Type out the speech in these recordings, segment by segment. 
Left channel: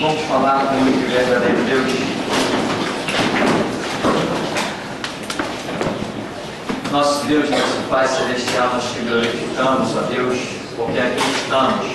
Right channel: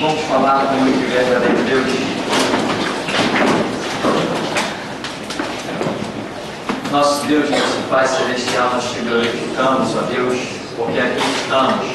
Vamos falar com o único e verdadeiro Deus. Nosso Deus, nosso Pai Celestial, nós te glorificamos, ó Deus, porque aqui estamos,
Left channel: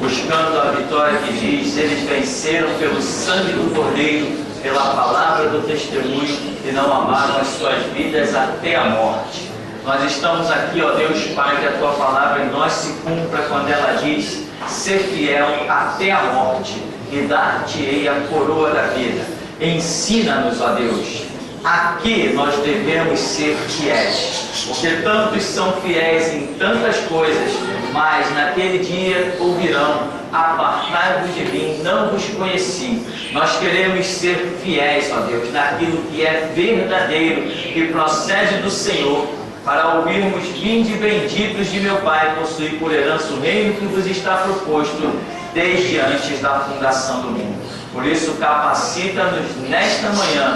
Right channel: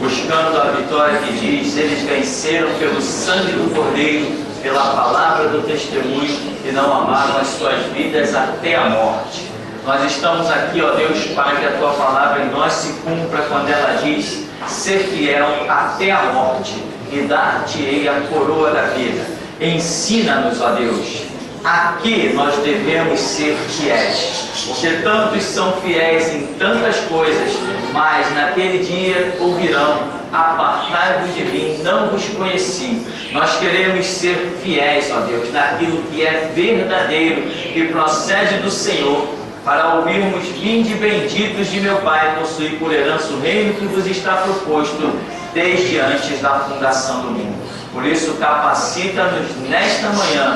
buscando a vitória que diz: eles venceram pelo sangue do Cordeiro, pela palavra do testemunho, e não amaram as suas vidas até a morte. Nós estamos aqui, ó Deus, para que a tua palavra em nós se cumpra quando ela diz: ser fiel até a morte, e dar-te-ei a coroa da vida. Ensina-nos, ó Deus, a que nós devemos ser fiéis, porque tantos são fiéis em tantas coisas, mas naquele dia ouvirão: apartai-vos de mim, não vos conheci. Nós queremos ser fiéis, ó Deus, naquilo que é verdadeiro, que procede do Senhor, para ouvirmos: vinde benditos de meu Pai, possuir por herança o reino que vos está proposto desde antes da fundação do mundo. Por isso, capacita-nos nesta manhã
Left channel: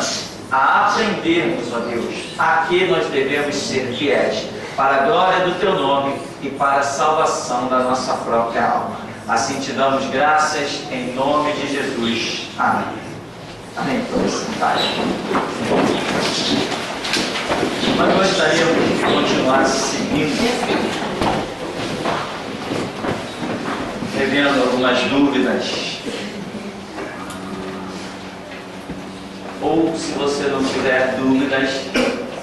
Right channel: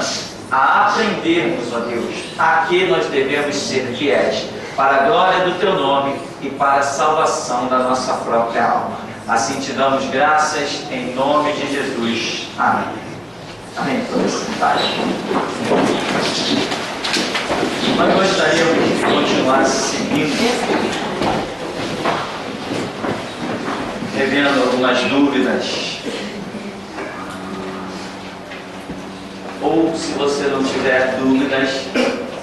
a aprendermos, ó Deus, a que nós devemos ser fiéis, para a glória do Teu nome e para a salvação da nossa própria alma. Assim te damos graças, em nome de Jesus. Amém. Amém. Nós gostaríamos de continuar seguindo, revendo algumas dúvidas. Ou, se você não tiver dúvidas,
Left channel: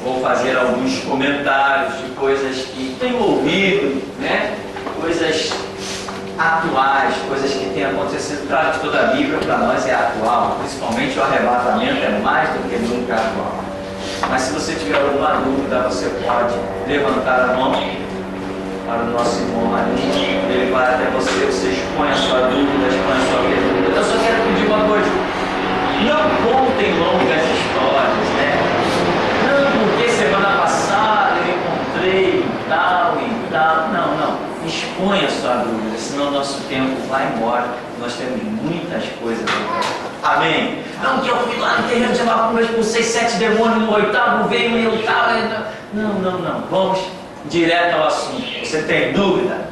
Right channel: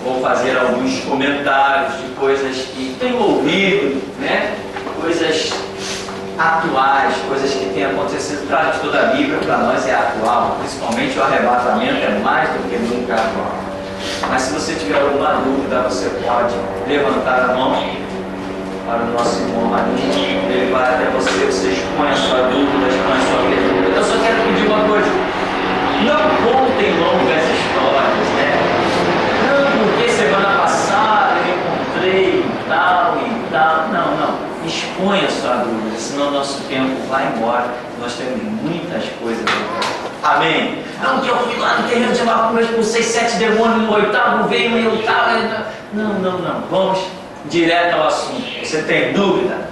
vou fazer alguns comentários de coisas que tenho ouvido, né? Coisas atuais, coisas que têm acontecido. Claro que toda a Bíblia para nós é atual, principalmente o arrebatamento é mais do que nunca atual. Mas se você tiver alguma dúvida, você pode levantar a mão para o nosso irmão Marinho. Ele vai até você expõe a sua dúvida, expõe a sua pergunta. Eu só quero pedir uma coisa: não contem longas histórias, né? Não, porque semana passada eu encontrei tal e tal. Não. Exponha a sua dúvida, senão o nosso tempo vai embora. Nós temos muitas coisas a ver. Amém? Não, que eu fui lá no terreno de Macumba, expulsei 7 demônios, no 8º veio eu tal. Não. Vamos direto ao assunto. Você tem dúvida?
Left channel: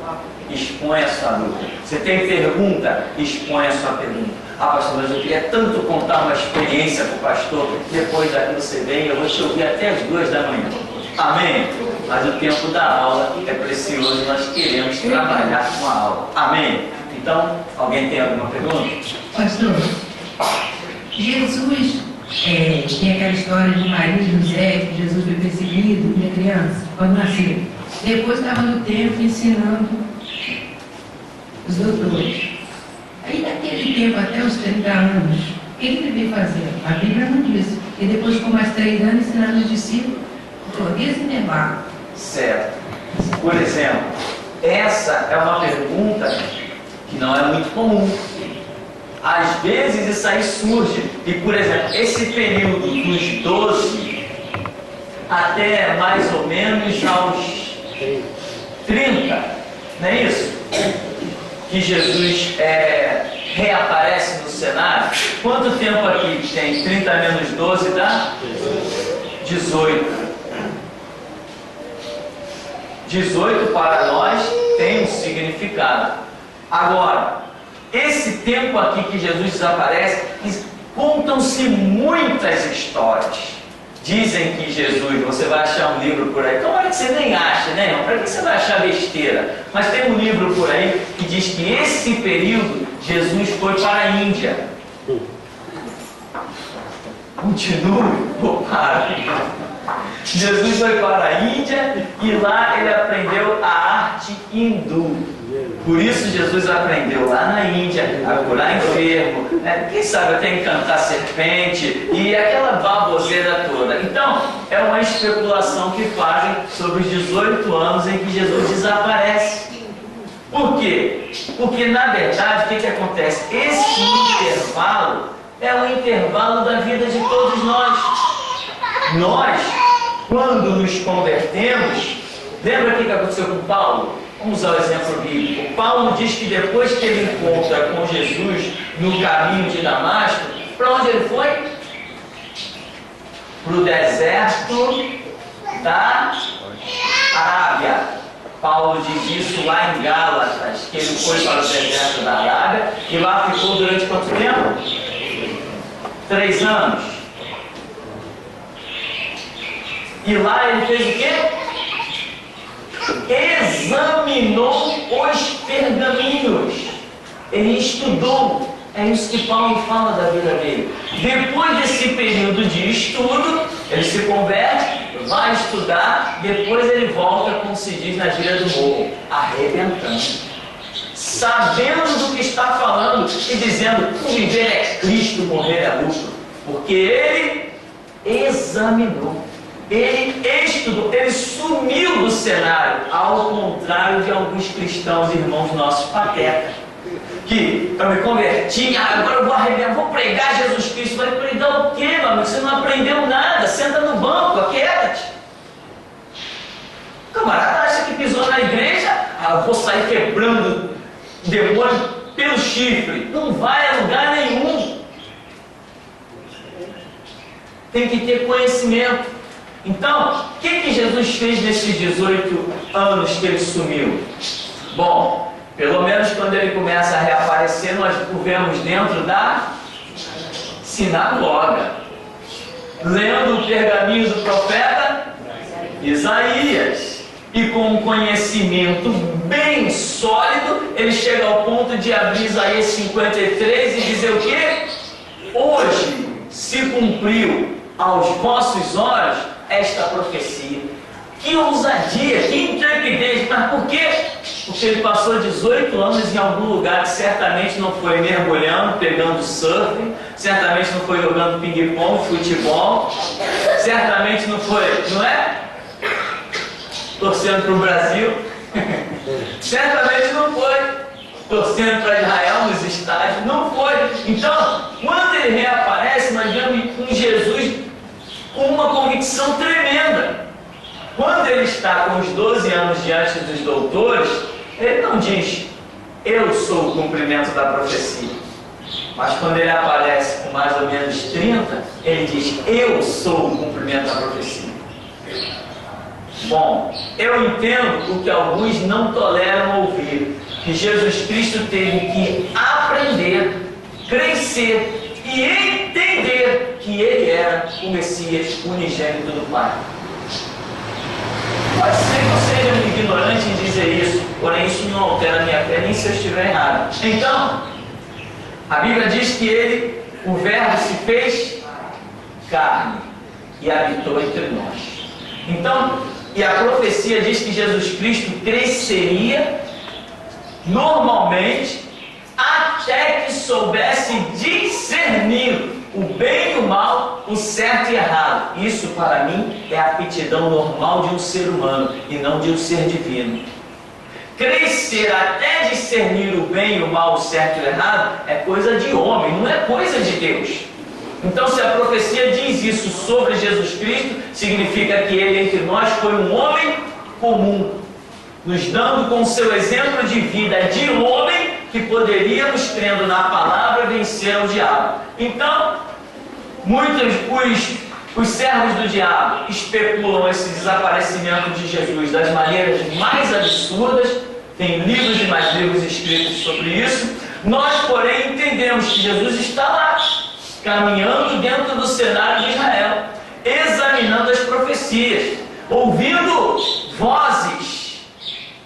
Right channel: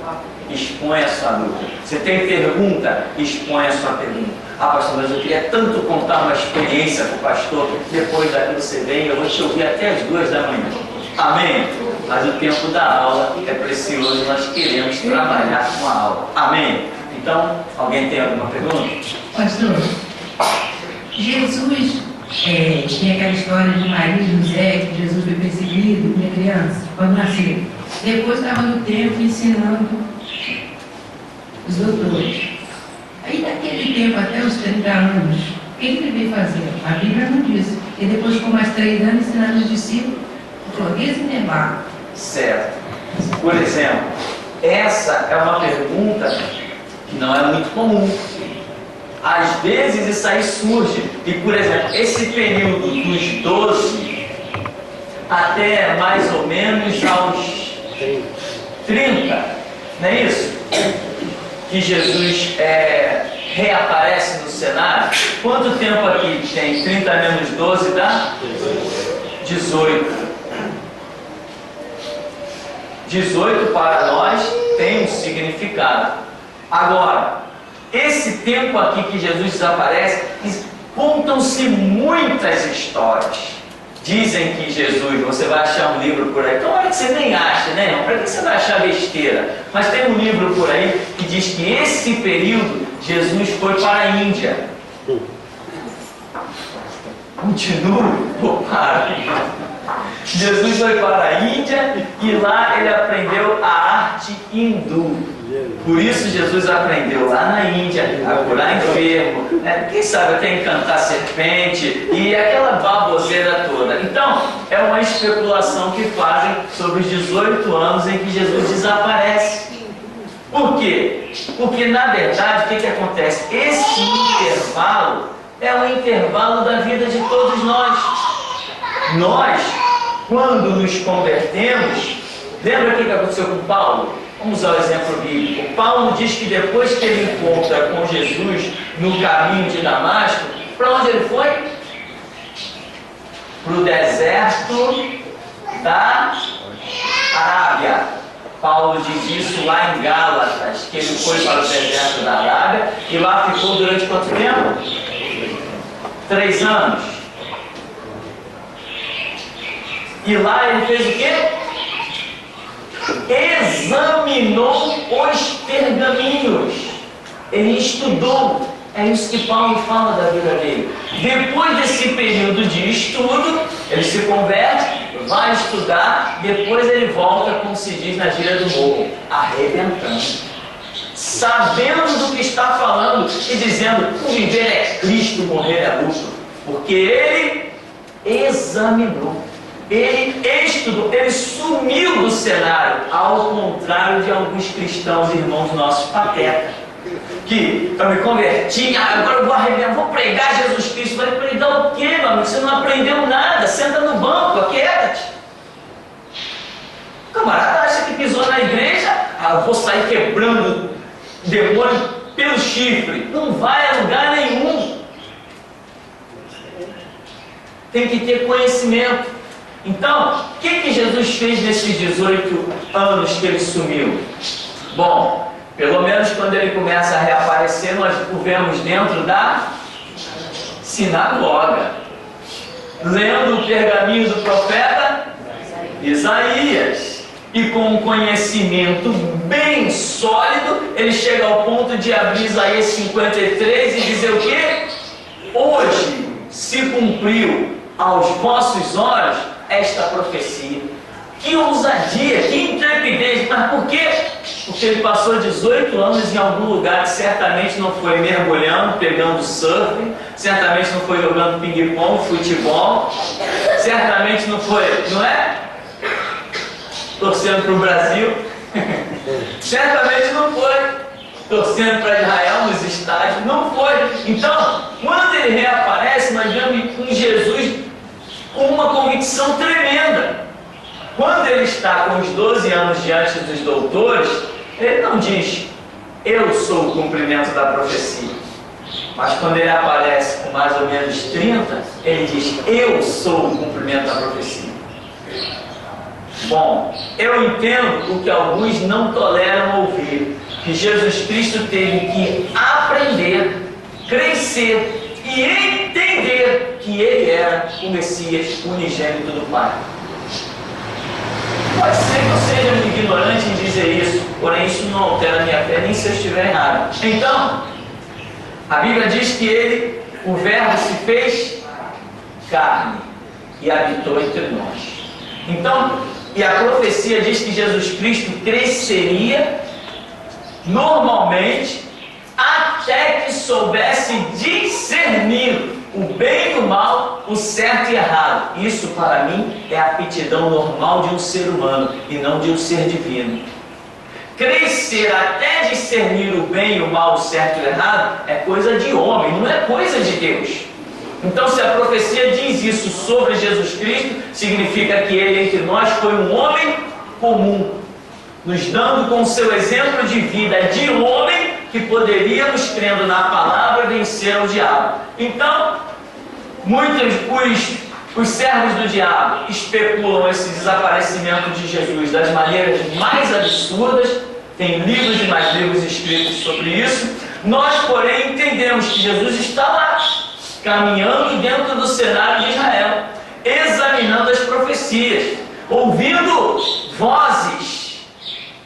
Expõe a sua dúvida. Você tem pergunta? Expõe a sua pergunta. Ah, pastor, mas eu queria tanto contar uma experiência para o pastor. Depois daqui você vem, eu vou te ouvir até as 2 da manhã. Amém? Mas o tempo da aula é precioso, nós queremos trabalhar com a aula. Amém? Então, alguém tem alguma pergunta? Pastor, Jesus, tem aquela história de Maria e José, que Jesus foi perseguido, minha criança, quando nasceu. Depois estava no templo ensinando os doutores. Aí naquele tempo, até os 30 anos, o que ele devia fazer? A Bíblia não diz. E depois ficou mais 3 anos ensinando os discípulos, esse intervalo. Certo. Por exemplo, essa é uma pergunta que não é muito comum. Às vezes isso aí surge. E, por exemplo, esse período dos 12 até mais ou menos aos 30, não é isso? Que Jesus reaparece no cenário. Quanto tempo aqui tem? 30 menos 12 dá? 18. 18 para nós tem um significado. Agora, esse tempo aqui que Jesus desaparece, contam-se muitas histórias. Dizem que Jesus, você vai achar um livro por aí, tomara que você nem ache, né? Para que você vai achar besteira? Mas tem um livro por aí que diz que esse período Jesus foi para a Índia. Continue ou para? Jesus foi para a Índia e lá ele aprendeu a arte hindu. Por isso Jesus aprendeu lá na Índia a curar enfermo, quem sabe até encantar serpente e aquela baboseira toda. Então, é uma especulação que fazem sobre os 18 anos em que Jesus desaparece. Por quê? Porque, na verdade, o que acontece? Esse intervalo é o intervalo da vida de todos nós. Nós, quando nos convertemos, lembra o que aconteceu com Paulo? Vamos usar o exemplo bíblico. Paulo diz que depois que ele encontra com Jesus no caminho de Damasco, para onde ele foi? Para o deserto da Arábia. Paulo diz isso lá em Gálatas, que ele foi para o deserto da Arábia e lá ficou durante quanto tempo? 3 anos. E lá ele fez o quê? Examinou os pergaminhos. Ele estudou. É isso que Paulo fala da vida dele. Depois desse período de estudo, ele se converte, vai estudar, depois ele volta, como se diz na gíria do morro, arrebentando. Sabendo do que está falando e dizendo: o viver é Cristo, morrer é lucro. Porque ele examinou, ele estudou, ele sumiu do cenário, ao contrário de alguns cristãos, irmãos nossos, patetas. Que eu me converti, agora eu vou arrebentar, vou pregar Jesus Cristo. Vai pregar o quê, meu amigo? Você não aprendeu nada, senta no banco, aquieta-te. O camarada acha que pisou na igreja, eu vou sair quebrando demônio pelo chifre. Não vai a lugar nenhum. Tem que ter conhecimento. Então, o que Jesus fez nesses 18 anos que ele sumiu? Bom, pelo menos quando ele começa a reaparecer, nós o vemos dentro da sinagoga, lendo o pergaminho do profeta Isaías. E com um conhecimento bem sólido, ele chega ao ponto de abrir Isaías 53 e dizer o quê? Hoje se cumpriu aos vossos olhos esta profecia. Que ousadia, que intrepidez, mas por quê? Porque ele passou 18 anos em algum lugar que certamente não foi mergulhando, pegando surf, certamente não foi jogando ping-pong, futebol, certamente não foi, não é? Torcendo para o Brasil, certamente não foi torcendo para Israel nos estádios, não foi. Então, quando ele reaparece, nós vemos um Jesus com uma convicção tremenda. Quando ele está com os 12 anos diante dos doutores, ele não diz: eu sou o cumprimento da profecia. Mas quando ele aparece com mais ou menos 30, ele diz: eu sou o cumprimento da profecia. Bom, eu entendo o que alguns não toleram ouvir, que Jesus Cristo teve que aprender, crescer e entender que ele era o Messias unigênito do Pai. Pode ser que eu seja um ignorante em dizer isso, porém isso não altera a minha fé, nem se eu estiver errado. Então, a Bíblia diz que ele, o Verbo, se fez carne e habitou entre nós. Então, e a profecia diz que Jesus Cristo cresceria normalmente até que soubesse discernir o bem e o mal, o certo e errado. Isso para mim é a aptidão normal de um ser humano e não de um ser divino. Crescer até discernir o bem e o mal, o certo e o errado é coisa de homem, não é coisa de Deus. Então, se a profecia diz isso sobre Jesus Cristo, significa que ele entre nós foi um homem comum, nos dando com o seu exemplo de vida de homem que poderíamos, crendo na palavra, vencer o diabo. Então, muitos os servos do diabo especulam esse desaparecimento de Jesus das maneiras mais absurdas. Tem livros e mais livros escritos sobre isso. Nós, porém, entendemos que Jesus está lá, caminhando dentro do cenário de Israel, examinando as profecias, ouvindo vozes.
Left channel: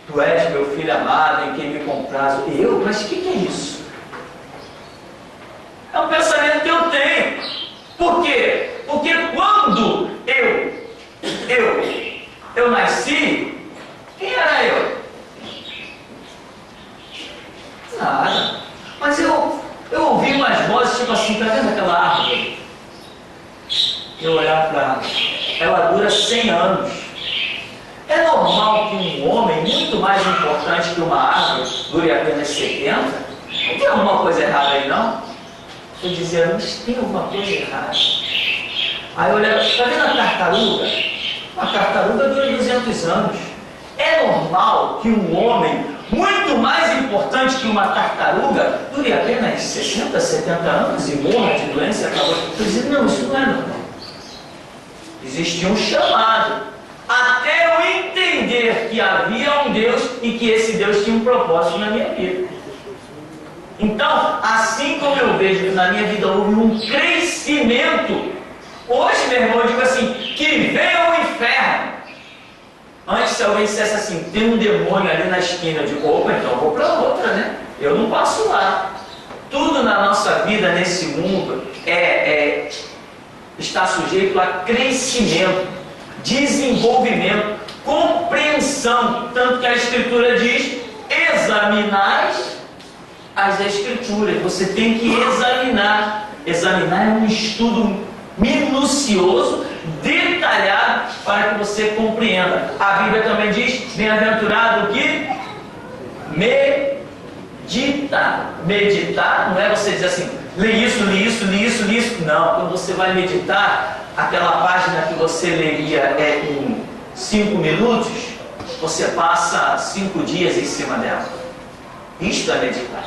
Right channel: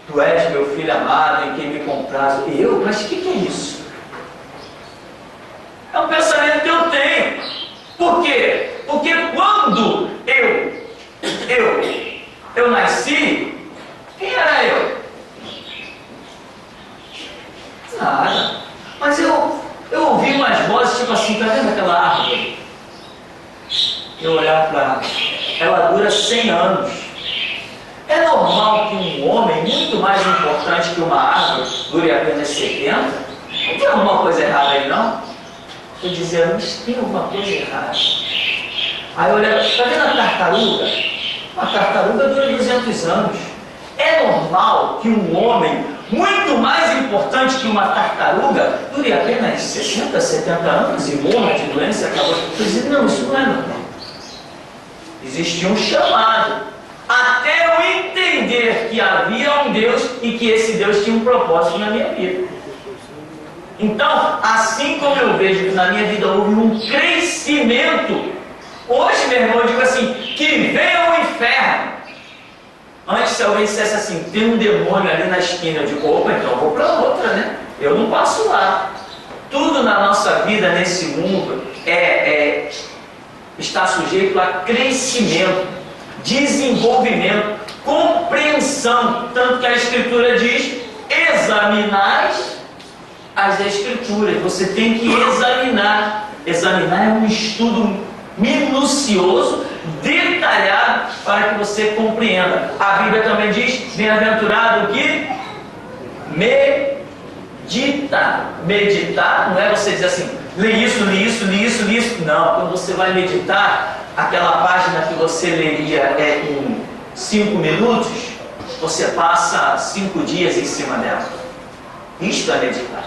Tu és meu filho amado, em quem me comprazo. Eu? Mas o que é isso? É um pensamento que eu tenho. Por quê? Porque quando eu nasci, quem era eu? Nada. Mas eu ouvi umas vozes tipo assim: tá vendo aquela árvore? Eu olhar para ela, dura 100 anos. É normal que um homem muito mais importante que uma árvore dure apenas 70? Não tem alguma coisa errada aí, não? Estou dizendo, mas tem alguma coisa errada. Aí eu olhava, está vendo a tartaruga? Uma tartaruga dura 200 anos. É normal que um homem muito mais importante que uma tartaruga dure apenas 60, 70 anos e morra de doença e acabou. Eu dizia, não, isso não é normal. Existia um chamado. até eu entender que havia um Deus e que esse Deus tinha um propósito na minha vida. Então, assim como eu vejo que na minha vida houve um crescimento, hoje, meu irmão, eu digo assim, que venha o inferno. Antes, se alguém dissesse assim, tem um demônio ali na esquina, eu digo, opa, então eu vou para outra, né? Eu não passo lá. Tudo na nossa vida, nesse mundo, está sujeito a crescimento, desenvolvimento, compreensão. Tanto que a Escritura diz, examinai as Escrituras. Você tem que examinar. Examinar é um estudo minucioso, detalhado, para que você compreenda. A Bíblia também diz, bem-aventurado que medita. Meditar não é você dizer assim, lê isso, lê isso, lê isso, lê isso. Não, quando você vai meditar, aquela página que você leria em 5 minutos, você passa 5 dias em cima dela. Isto é meditar.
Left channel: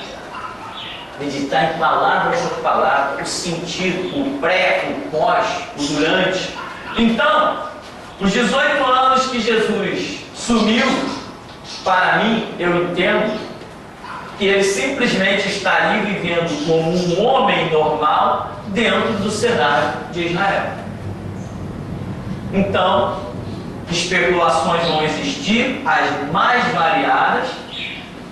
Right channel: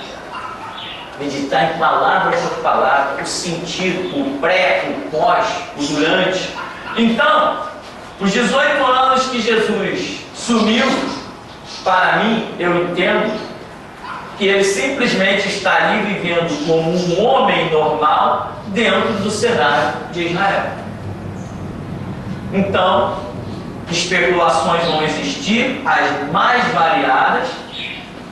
Meditar em palavra por palavra, o sentido, o pré, o pós, o durante. Então, os 18 anos que Jesus sumiu, para mim, eu entendo que ele simplesmente está ali vivendo como um homem normal dentro do cenário de Israel. Então, especulações vão existir, as mais variadas,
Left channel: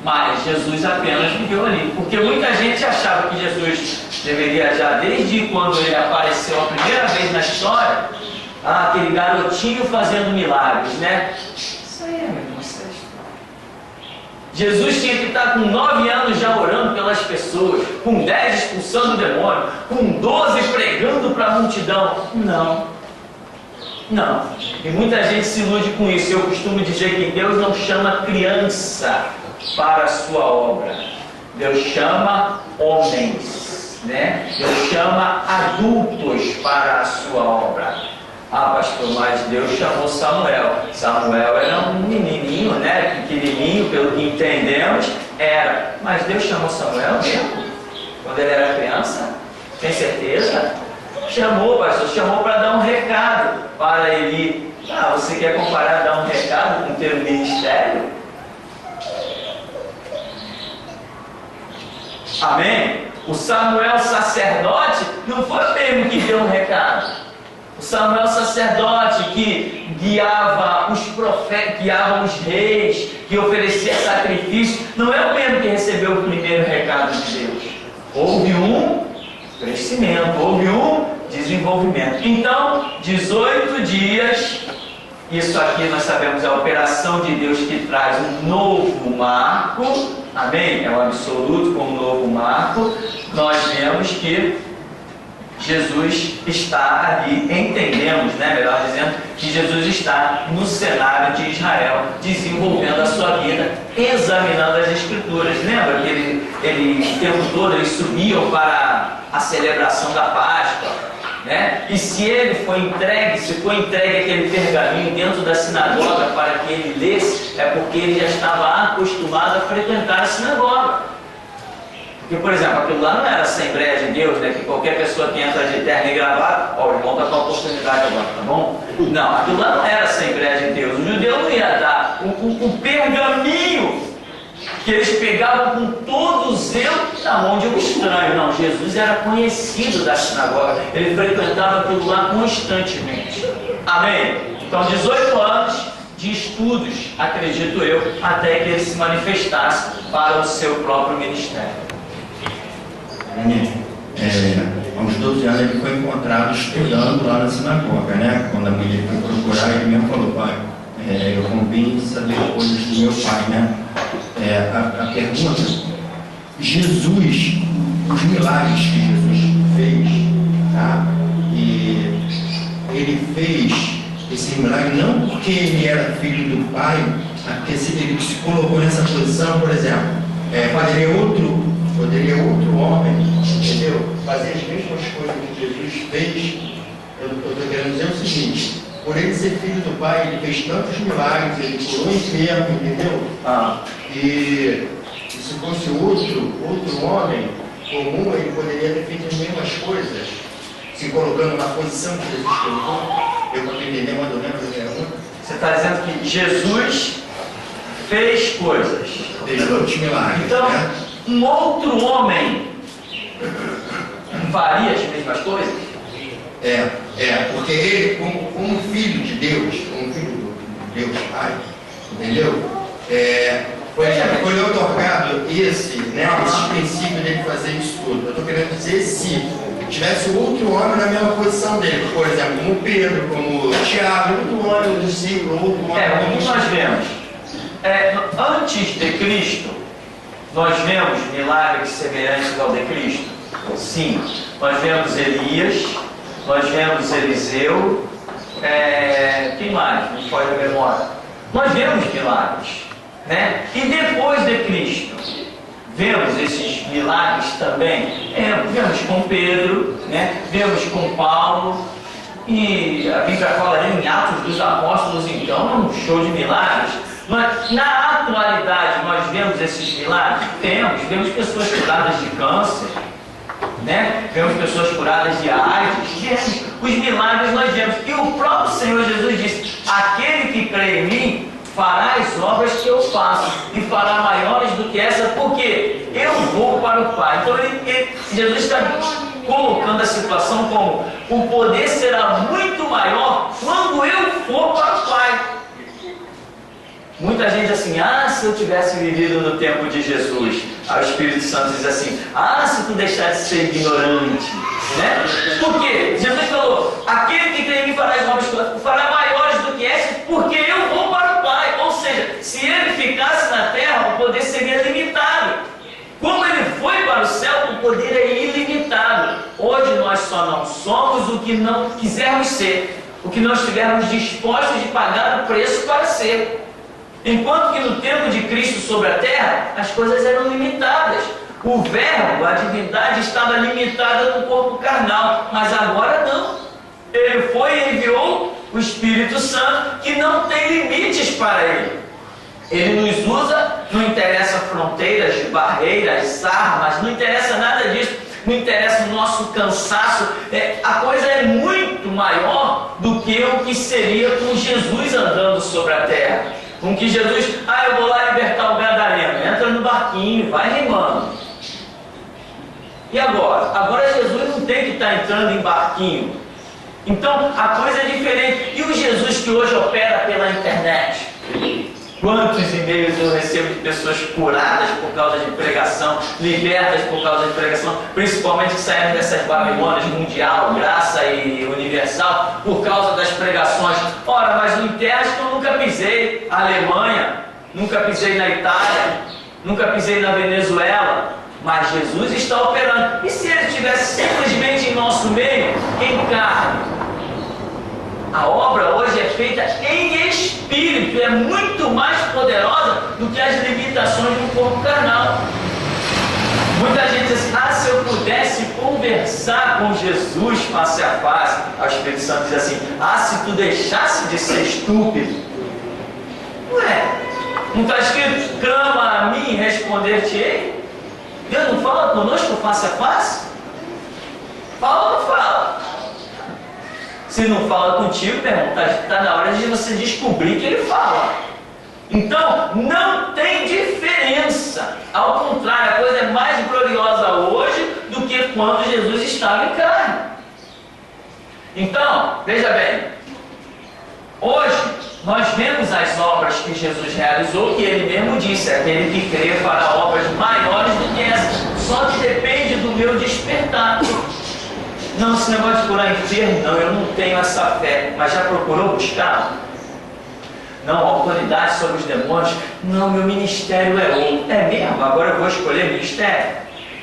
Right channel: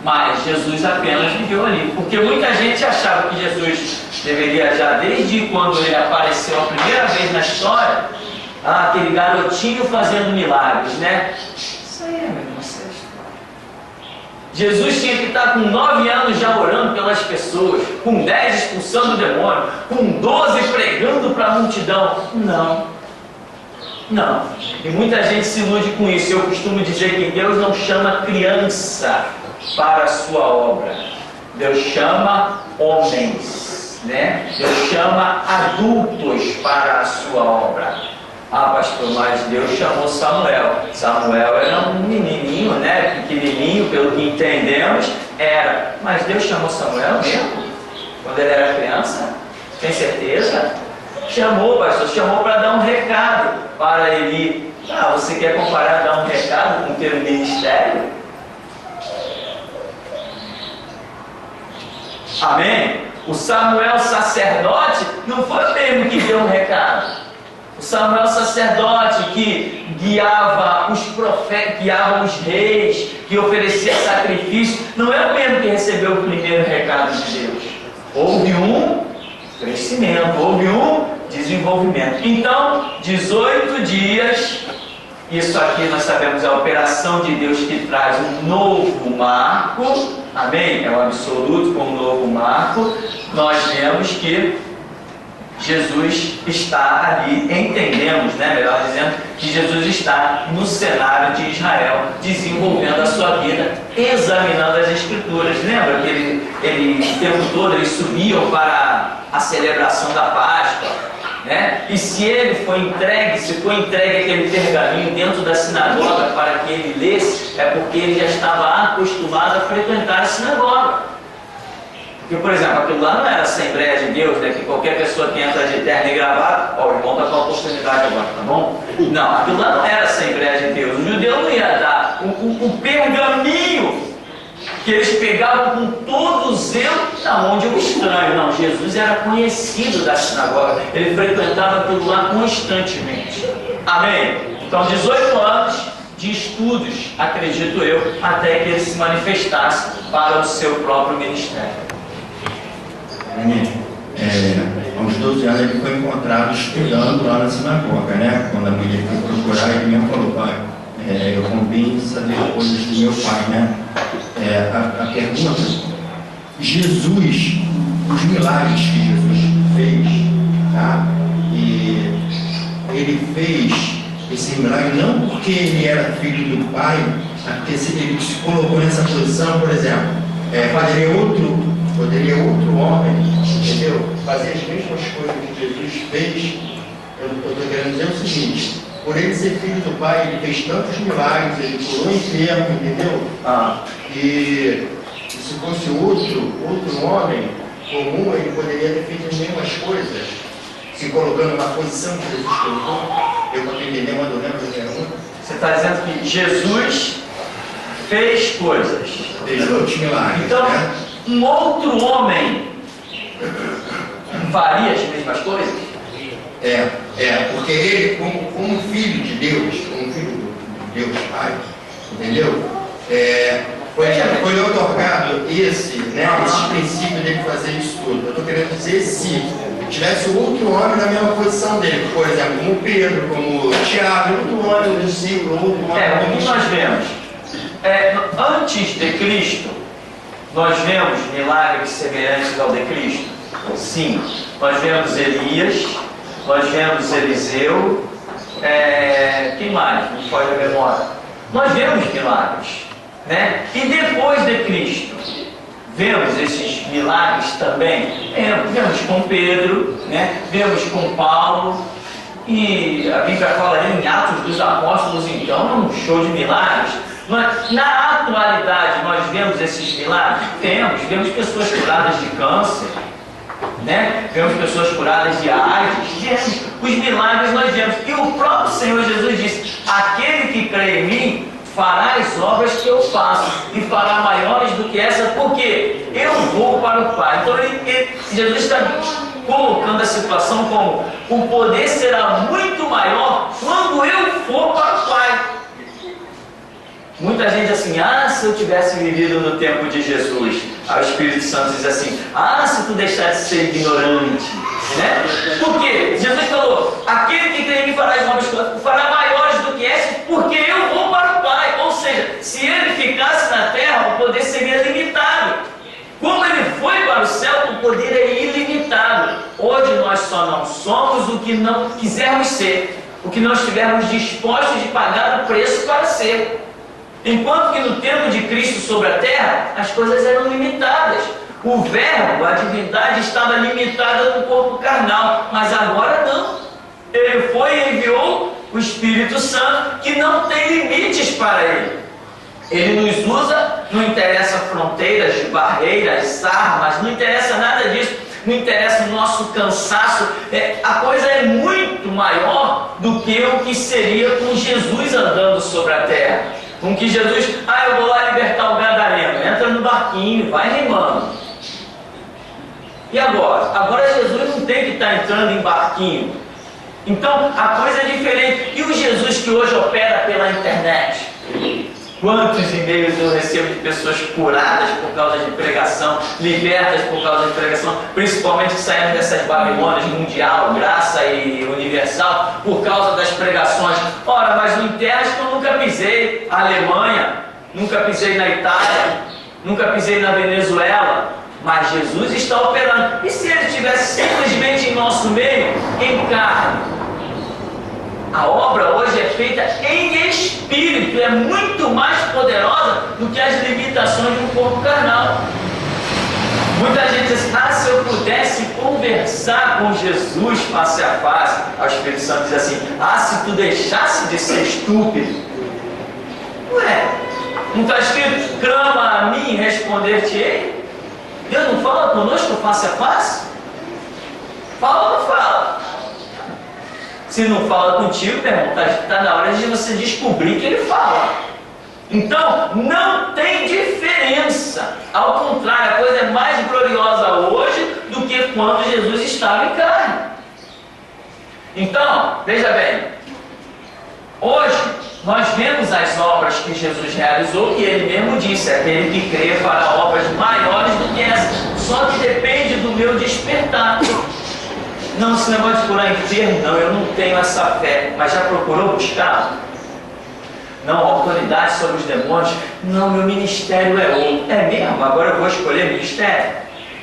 mas Jesus apenas viveu ali. Porque muita gente achava que Jesus deveria já, desde quando ele apareceu a primeira vez na história, aquele garotinho fazendo milagres, né? Isso aí é mesmo, isso é história. Jesus tinha que estar com 9 anos já orando pelas pessoas, com 10 expulsando o demônio, com 12 pregando para a multidão. Não. E muita gente se ilude com isso. Eu costumo dizer que Deus não chama criança para a sua obra. Deus chama homens, né? Deus chama adultos para a sua obra. Ah, pastor, mas Deus chamou Samuel. Samuel era um menininho, né? Pequenininho, pelo que entendemos, era. Mas Deus chamou Samuel mesmo? Quando ele era criança? Tem certeza? Chamou, pastor, chamou para dar um recado para ele. Ah, você quer comparar dar um recado com ter um ministério? Amém? O Samuel sacerdote não foi o mesmo que deu um recado. O Samuel sacerdote que guiava os profetas, guiava os reis, que oferecia sacrifício, não é o mesmo que recebeu o primeiro recado de Deus. Houve um crescimento, houve um desenvolvimento. Então, 18 dias, isso aqui nós sabemos é a operação de Deus que traz um novo marco, amém? É o absoluto como um novo marco. Nós vemos que Jesus está ali, entendemos, né, melhor dizendo, que Jesus está no cenário de Israel, desenvolvendo a sua vida, examinando as Escrituras. Lembra que ele o tempo todo eles subiam para a celebração da Páscoa, né? E se ele foi entregue, se foi entregue aquele pergaminho dentro da sinagoga para que ele lesse, é porque ele já estava acostumado a frequentar a sinagoga. Porque, por exemplo, aquilo lá não era a Assembleia de Deus, né? Que qualquer pessoa que entra de terno e gravata, o irmão está com a oportunidade agora, tá bom? Não, aquilo lá não era a Assembleia de Deus. O judeu não ia dar o pergaminho que eles pegavam com todo o zelo na mão de um estranho. Não, Jesus era conhecido da sinagoga, ele frequentava aquilo lá constantemente. Amém? Então, 18 anos de estudos, acredito eu, até que ele se manifestasse para o seu próprio ministério. Aos 12 anos ele foi encontrado estudando lá na sinagoga, né? Quando a mulher foi procurar, ele mesmo falou, pai, eu convém saber coisas do meu pai, né? A pergunta, Jesus, os milagres que Jesus fez, tá? E ele fez esse milagre não porque ele era filho do pai, porque ele se colocou nessa posição, por exemplo, poderia outro homem, entendeu? Fazer as mesmas coisas que Jesus fez. Eu estou querendo dizer o seguinte, por ele ser filho do pai, ele fez tantos milagres, ele curou enfermo, entendeu? E se fosse outro homem comum, ele poderia ter feito as mesmas coisas, se colocando na posição que Jesus colocou. Eu estou entendendo, quando eu lembro de Você está dizendo que Jesus fez coisas. Fez outros milagres, Então, né? um outro homem faria as mesmas coisas? Porque ele, como filho de Deus, como filho de Deus Pai, entendeu? Foi otorgado esse princípio dele fazer isso tudo. Eu estou querendo dizer, se tivesse outro homem na mesma posição dele, por exemplo, como Pedro, como Tiago, outro homem, um discípulo, outro homem. O que nós vemos? Antes de Cristo, nós vemos milagres semelhantes ao de Cristo? Sim. Nós vemos Elias, nós vemos Eliseu, quem mais? Não pode a memória. Nós vemos milagres, né? E depois de Cristo, vemos esses milagres também. Vemos com Pedro, né? Vemos com Paulo, e a Bíblia fala em Atos dos Apóstolos, então é um show de milagres. Mas na atualidade nós vemos esses milagres? Vemos pessoas curadas de câncer, né? Vemos pessoas curadas de AIDS, vemos. Os milagres nós vemos. E o próprio Senhor Jesus disse: aquele que crê em mim fará as obras que eu faço, e fará maiores do que essa, porque eu vou para o Pai. Então Jesus está colocando a situação como: o poder será muito maior quando eu for para o Pai. Muita gente diz assim: se eu tivesse vivido no tempo de Jesus. Aí o Espírito Santo diz assim: se tu deixar de ser ignorante, né? Por quê? Jesus falou: aquele que crê em mim fará as obras, fará maiores do que essas, porque eu vou para o Pai. Ou seja, se ele ficasse na terra, o poder seria limitado. Como ele foi para o céu, o poder é ilimitado. Hoje nós só não somos o que não quisermos ser, o que não estivermos dispostos de pagar o preço para ser. Enquanto que no tempo de Cristo sobre a terra, as coisas eram limitadas. O verbo, a divindade, estava limitada no corpo carnal, mas agora não. Ele foi e enviou o Espírito Santo, que não tem limites para ele. Ele nos usa, não interessa fronteiras, barreiras, armas, não interessa nada disso, não interessa o nosso cansaço. A coisa é muito maior do que o que seria com Jesus andando sobre a terra. Com que Jesus, eu vou lá libertar o gadareno, entra no barquinho, vai remando. E agora? Agora Jesus não tem que estar entrando em barquinho. Então a coisa é diferente. E o Jesus que hoje opera pela internet? Quantos e-mails eu recebo de pessoas curadas por causa de pregação, libertas por causa de pregação, principalmente que saíram dessas Babilônias mundial, graça e universal, por causa das pregações. Ora, mas em terras que eu nunca pisei, Alemanha, nunca pisei na Itália, nunca pisei na Venezuela, mas Jesus está operando. E se ele estivesse simplesmente em nosso meio, em carne? A obra hoje é feita em espírito, é muito mais poderosa do que as limitações de um corpo carnal. Muita gente diz assim: se eu pudesse conversar com Jesus face a face. O Espírito Santo diz assim: se tu deixasse de ser estúpido. Não está escrito: clama a mim e responder-te-ei? Deus não fala conosco face a face? Fala ou não fala? Se não fala contigo, meu irmão, está na hora de você descobrir que ele fala. Então, não tem diferença. Ao contrário, a coisa é mais gloriosa hoje do que quando Jesus estava em carne. Então, veja bem, hoje nós vemos as obras que Jesus realizou, e ele mesmo disse: aquele que crê fará obras maiores do que essas. Só que depende do meu despertar. Não, esse negócio de curar enfermo, não, eu não tenho essa fé. Mas já procurou buscar? Não, autoridade sobre os demônios? Não, meu ministério é outro. É mesmo? Agora eu vou escolher ministério?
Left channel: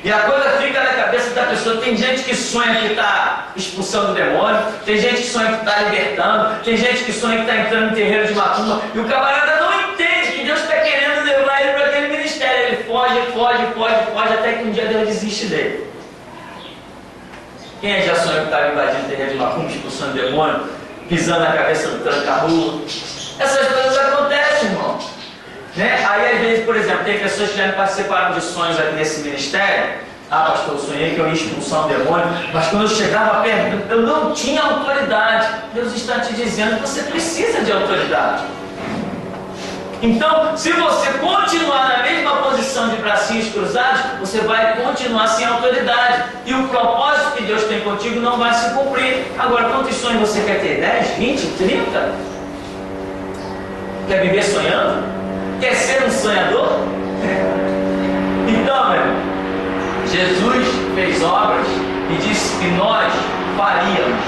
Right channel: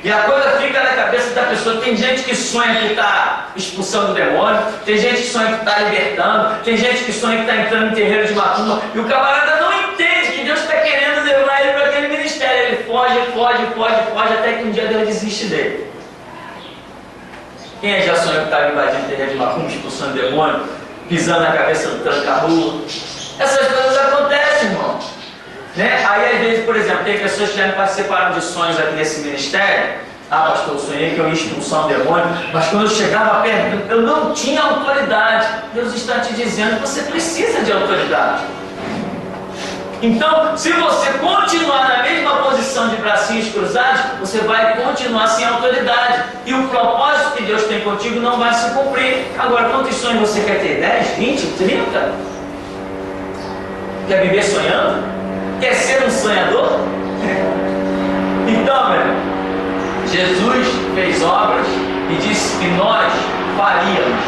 E a coisa fica na cabeça da pessoa. Tem gente que sonha que está expulsando o demônio, tem gente que sonha que está libertando, tem gente que sonha que está entrando em terreiro de macumba, e o camarada não entende que Deus está querendo levar ele para aquele ministério. Ele foge, até que um dia Deus desiste dele. Quem já sonhou que estava invadindo o terreiro de macumba, expulsando o demônio, pisando na cabeça do tranca-rua? Essas coisas acontecem, irmão. Né? Aí às vezes, por exemplo, tem pessoas que já me participaram de sonhos aqui nesse ministério, Ah, pastor, eu sonhei que eu ia expulsar um demônio, mas quando eu chegava perto, eu não tinha autoridade. Deus está te dizendo que você precisa de autoridade. Então, se você continuar na mesma posição de bracinhos cruzados, você vai continuar sem autoridade. E o propósito que Deus tem contigo não vai se cumprir. Agora, quantos sonhos você quer ter? 10, 20, 30? Quer viver sonhando? Quer ser um sonhador? Então, meu irmão, Jesus fez obras e disse que nós faríamos.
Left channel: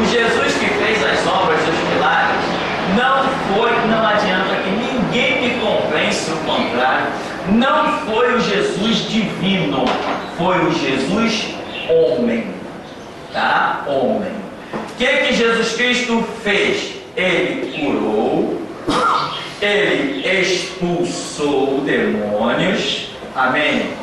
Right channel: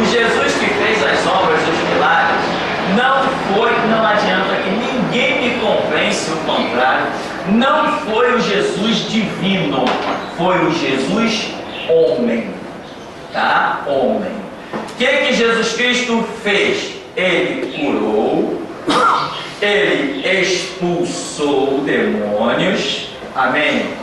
O Jesus que fez as obras, os milagres, não adianta que ninguém me convence o contrário. Não foi o Jesus divino, foi o Jesus homem, tá? Homem. O que Jesus Cristo fez? Ele curou, ele expulsou demônios, amém?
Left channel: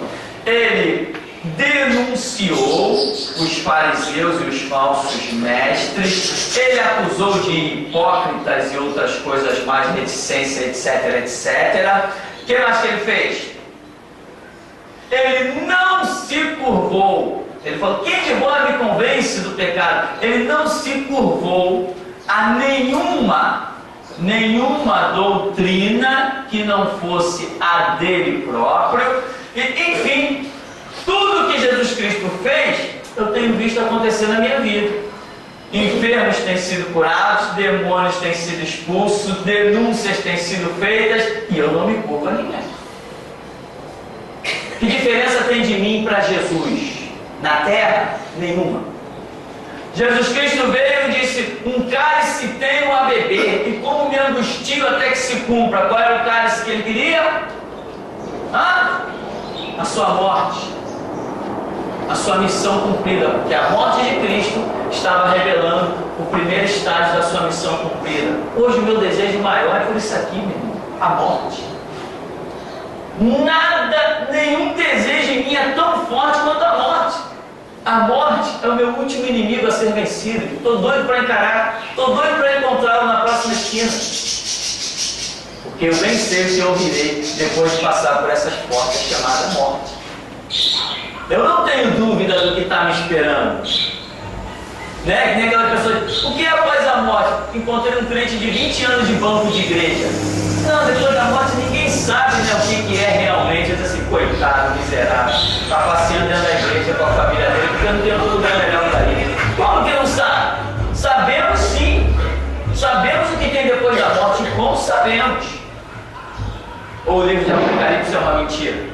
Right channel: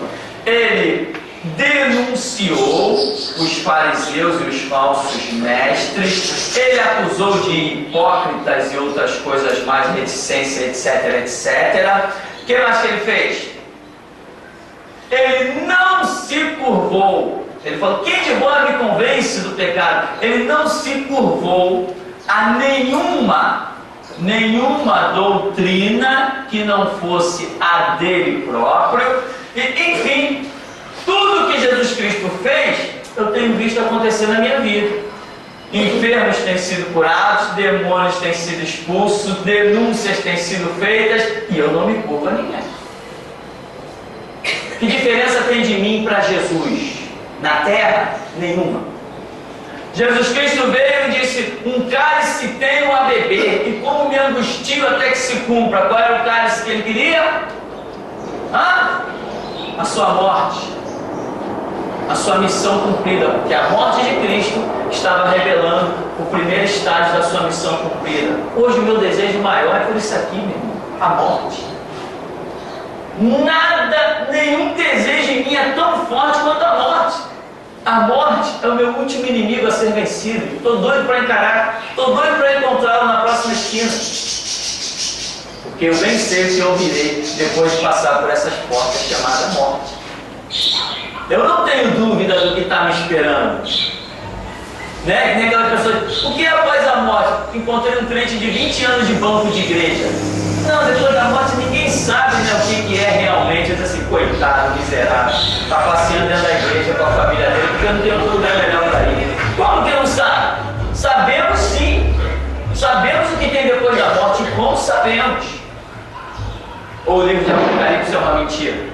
Ele denunciou os fariseus e os falsos mestres, ele acusou de hipócritas e outras coisas mais, reticência, etc, etc. O que mais que ele fez? Ele não se curvou. Ele falou, quem de vós me convence do pecado? Ele não se curvou a nenhuma doutrina que não fosse a dele próprio. E, enfim, tudo que Jesus Cristo fez, eu tenho visto acontecer na minha vida. Enfermos têm sido curados, demônios têm sido expulsos, denúncias têm sido feitas, e eu não me curvo a ninguém. Que diferença tem de mim para Jesus? Na terra? Nenhuma. Jesus Cristo veio e disse, um cálice tenho a beber, e como me angustio até que se cumpra. Qual era o cálice que ele queria? A sua morte, a sua missão cumprida, porque a morte de Cristo estava revelando o primeiro estágio da sua missão cumprida. Hoje o meu desejo maior é por isso aqui, meu irmão, a morte. Nada, nenhum desejo em mim é tão forte quanto a morte. A morte é o meu último inimigo a ser vencido. Estou doido para encarar, estou doido para encontrá-lo na próxima esquina. Porque eu bem sei o que eu ouvirei depois de passar por essas portas chamadas morte. Eu não tenho dúvida do que está me esperando. Né? Que nem aquela pessoa diz, o que é após a morte? Encontrei um crente de 20 anos de banco de igreja. Não, depois da morte ninguém sabe, né, o que é realmente. Eu disse assim, coitado, miserável, está passeando dentro da igreja com a família dele, porque eu não tenho outro lugar melhor para ir. Como que não sabe? Sabemos sim. Sabemos o que tem depois da morte, e como sabemos. Ou o livro de Apocalipse é uma mentira?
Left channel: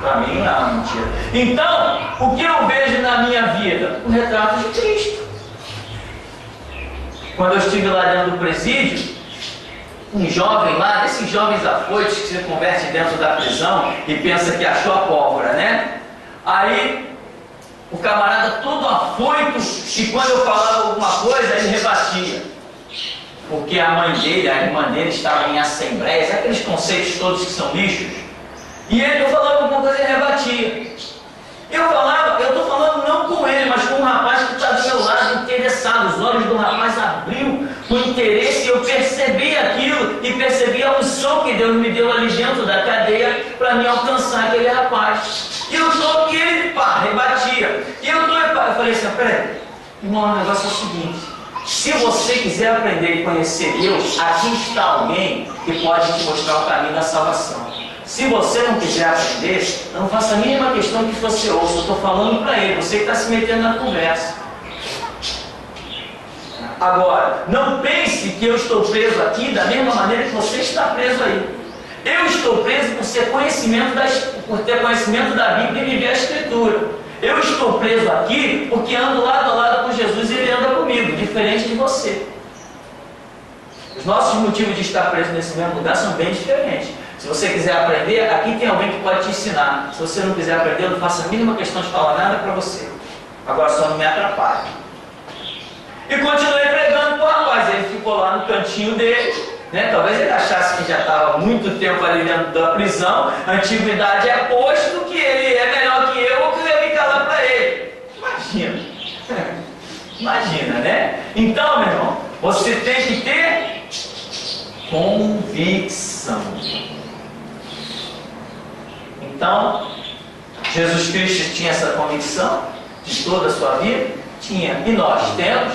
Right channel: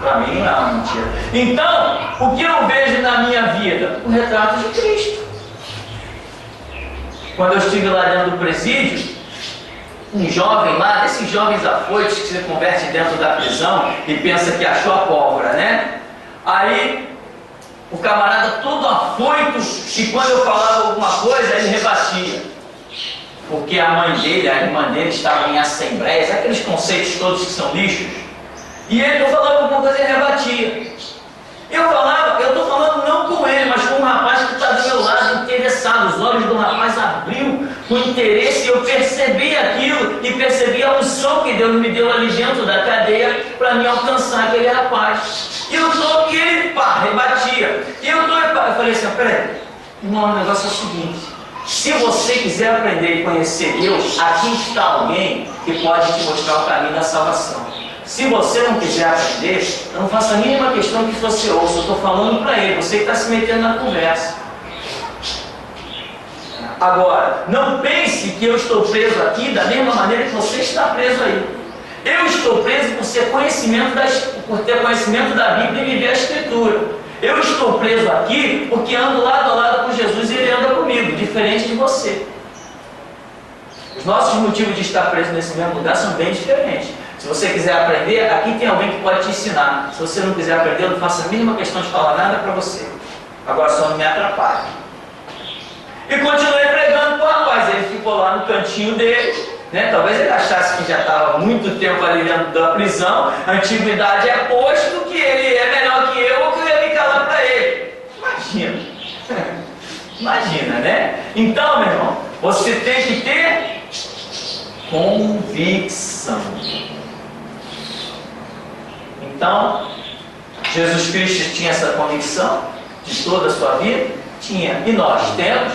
Para mim não é uma mentira. Então, o que eu vejo na minha vida? O retrato de Cristo. Quando eu estive lá dentro do presídio, um jovem lá, desses jovens afoitos que se converte dentro da prisão e pensa que achou a pólvora, né? Aí, o camarada todo afoito, e quando eu falava alguma coisa, ele rebatia. Porque a mãe dele, a irmã dele, estavam em assembleias, aqueles conceitos todos que são lixos. E eu falava alguma coisa e ele rebatia. Eu estou falando não com ele, mas com um rapaz que está do meu lado, interessado. Os olhos do rapaz abriu com interesse, e eu percebi aquilo, e percebi a unção que Deus me deu ali dentro da cadeia para me alcançar aquele rapaz. E eu estou, e ele, rebatia. E eu falei assim, peraí, irmão, o negócio é o seguinte, se você quiser aprender e conhecer Deus, aqui está alguém que pode te mostrar o caminho da salvação. Se você não quiser aprender, eu não faço a mínima questão que você ouça. Eu estou falando para ele, você que está se metendo na conversa. Agora, não pense que eu estou preso aqui da mesma maneira que você está preso aí. Eu estou preso por ter conhecimento da Bíblia e viver a Escritura. Eu estou preso aqui porque ando lado a lado com Jesus e Ele anda comigo, diferente de você. Os nossos motivos de estar preso nesse mesmo lugar são bem diferentes. Se você quiser aprender, aqui tem alguém que pode te ensinar. Se você não quiser aprender, eu não faço a mínima questão de falar nada para você. Agora só não me atrapalhe. E continuei pregando para o rapaz. Ele ficou lá no cantinho dele, né? Talvez ele achasse que já estava muito tempo ali dentro da prisão. A antiguidade é posto que ele é melhor que eu, ou que eu ia me calar para ele. Imagina. Imagina, né? Então, meu irmão, você tem que ter convicção. Então, Jesus Cristo tinha essa convicção de toda a sua vida? Tinha. E nós temos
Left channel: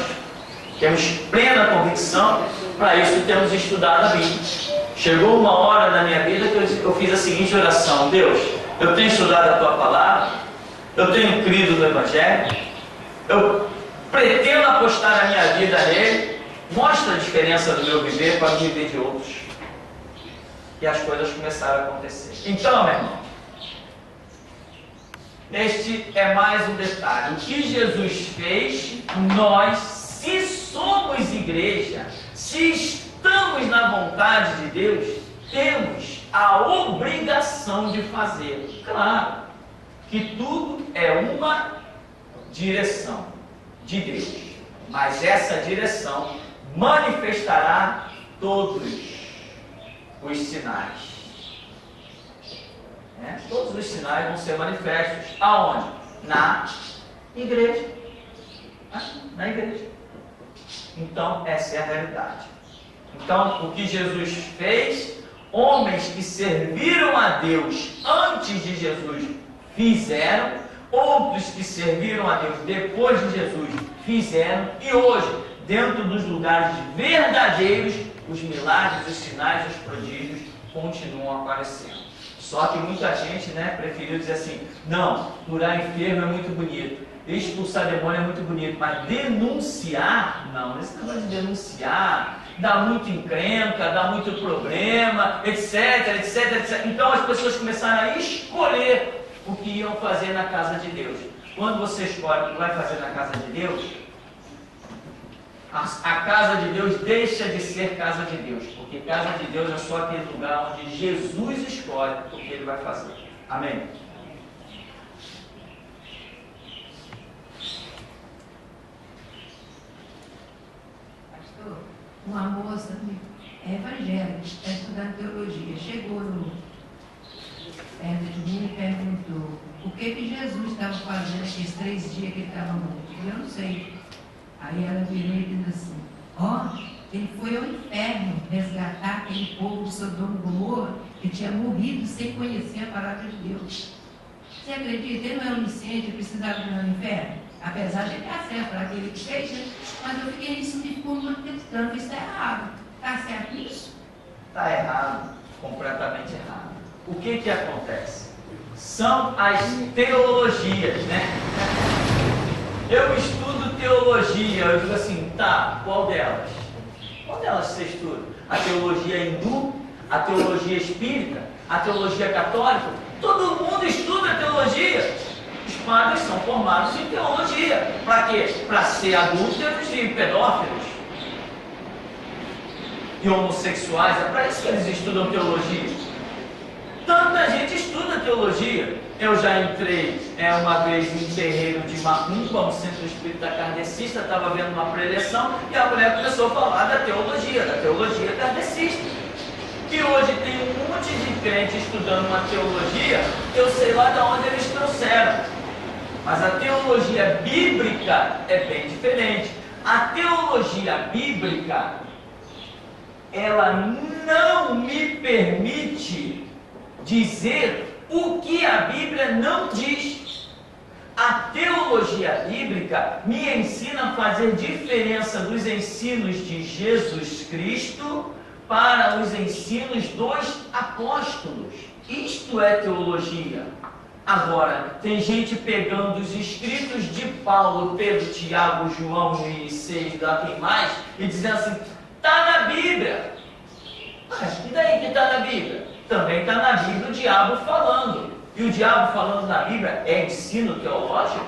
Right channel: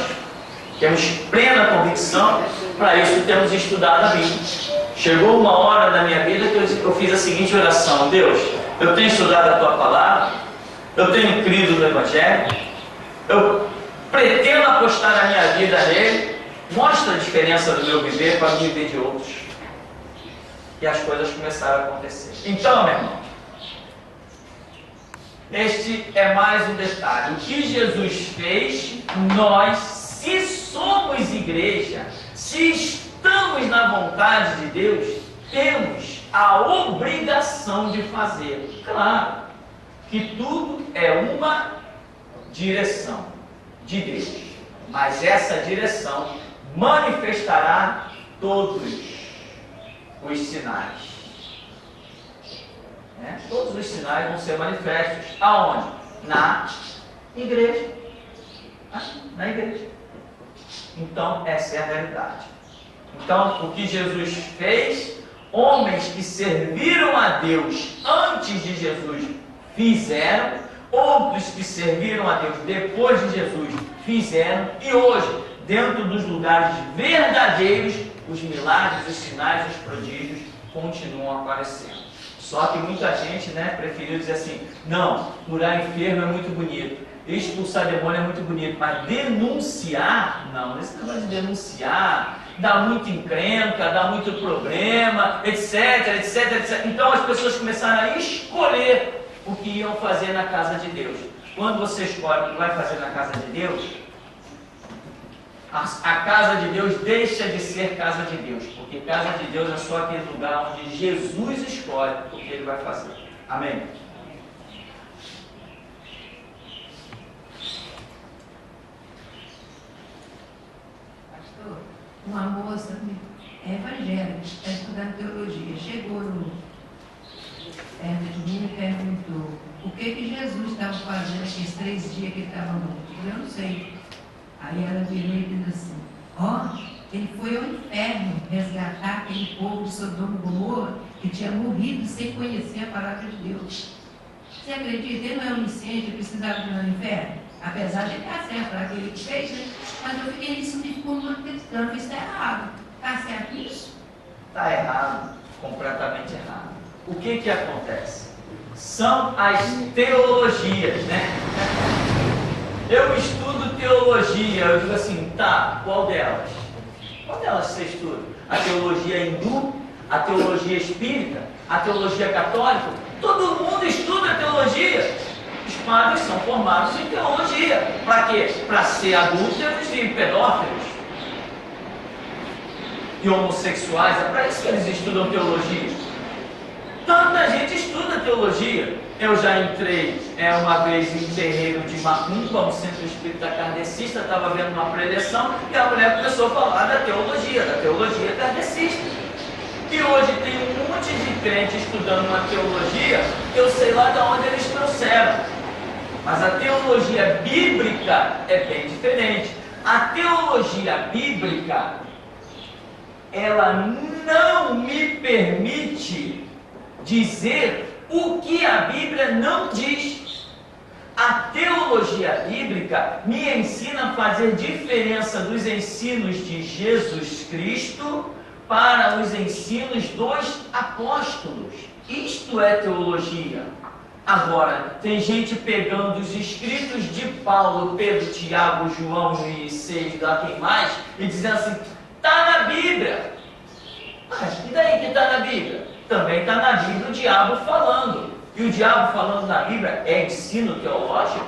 plena convicção. Para isso temos estudado a Bíblia. Chegou uma hora da minha vida que eu fiz a seguinte oração: Deus, eu tenho estudado a Tua Palavra, eu tenho crido no Evangelho, eu pretendo apostar a minha vida nele, mostra a diferença do meu viver para o viver de outros. E as coisas começaram a acontecer. Então, meu irmão, este é mais um detalhe. O que Jesus fez, nós, se somos igreja, se estamos na vontade de Deus, temos a obrigação de fazer. Claro que tudo é uma direção de Deus, mas essa direção manifestará todos os sinais. Todos os sinais vão ser manifestos. Aonde? Na igreja. Na igreja. Então, essa é a realidade. Então, o que Jesus fez, homens que serviram a Deus antes de Jesus fizeram, outros que serviram a Deus depois de Jesus fizeram, e hoje, dentro dos lugares verdadeiros, os milagres, os sinais, os prodígios continuam aparecendo. Só que muita gente, preferiu dizer assim: não, curar enfermo é muito bonito, expulsar demônio é muito bonito, mas denunciar, não. Esse negócio de denunciar dá muito encrenca, dá muito problema, etc, etc, etc. Então as pessoas começaram a escolher o que iam fazer na casa de Deus. Quando você escolhe o que vai fazer na casa de Deus, a casa de Deus deixa de ser casa de Deus, porque casa de Deus é só aquele lugar onde Jesus escolhe o que Ele vai fazer. Amém? Pastor, uma moça evangélica, está estudando teologia, chegou perto de mim e perguntou o que Jesus estava fazendo aqueles 3 dias que ele estava morto. Eu não sei. Aí ela virou e disse assim: ele foi ao inferno resgatar aquele povo de Sodoma e Gomorra que tinha morrido sem conhecer a palavra de Deus. Você acredita? Ele não é onisciente, ele precisava de ir no inferno? Apesar de ele estar certo para aquele que fez, mas eu fiquei nisso e ficou martirificando. Isso está errado. Está certo isso? Está errado, completamente errado. O que acontece? São as teologias, Eu estudo teologia, eu digo assim, tá, qual delas? Qual delas você estuda? A teologia hindu, a teologia espírita, a teologia católica? Todo mundo estuda teologia. Os padres são formados em teologia. Para quê? Para ser adúlteros e pedófilos e homossexuais. É para isso que eles estudam teologia. Tanta gente estuda teologia. Eu já entrei uma vez em terreiro de Macumba, um centro espírita kardecista, estava vendo uma preleção e a mulher começou a falar da teologia kardecista. E hoje tem um monte de crente estudando uma teologia, eu sei lá de onde eles trouxeram. Mas a teologia bíblica é bem diferente. A teologia bíblica, ela não me permite dizer o que a Bíblia não diz. A teologia bíblica me ensina a fazer diferença dos ensinos de Jesus Cristo para os ensinos dos apóstolos. Isto é teologia. Agora, tem gente pegando os escritos de Paulo, Pedro, Tiago, João e 6, lá quem mais, e dizendo assim: está na Bíblia. Mas e daí que está na Bíblia? Também está na Bíblia o diabo falando. E o diabo falando na Bíblia é ensino teológico?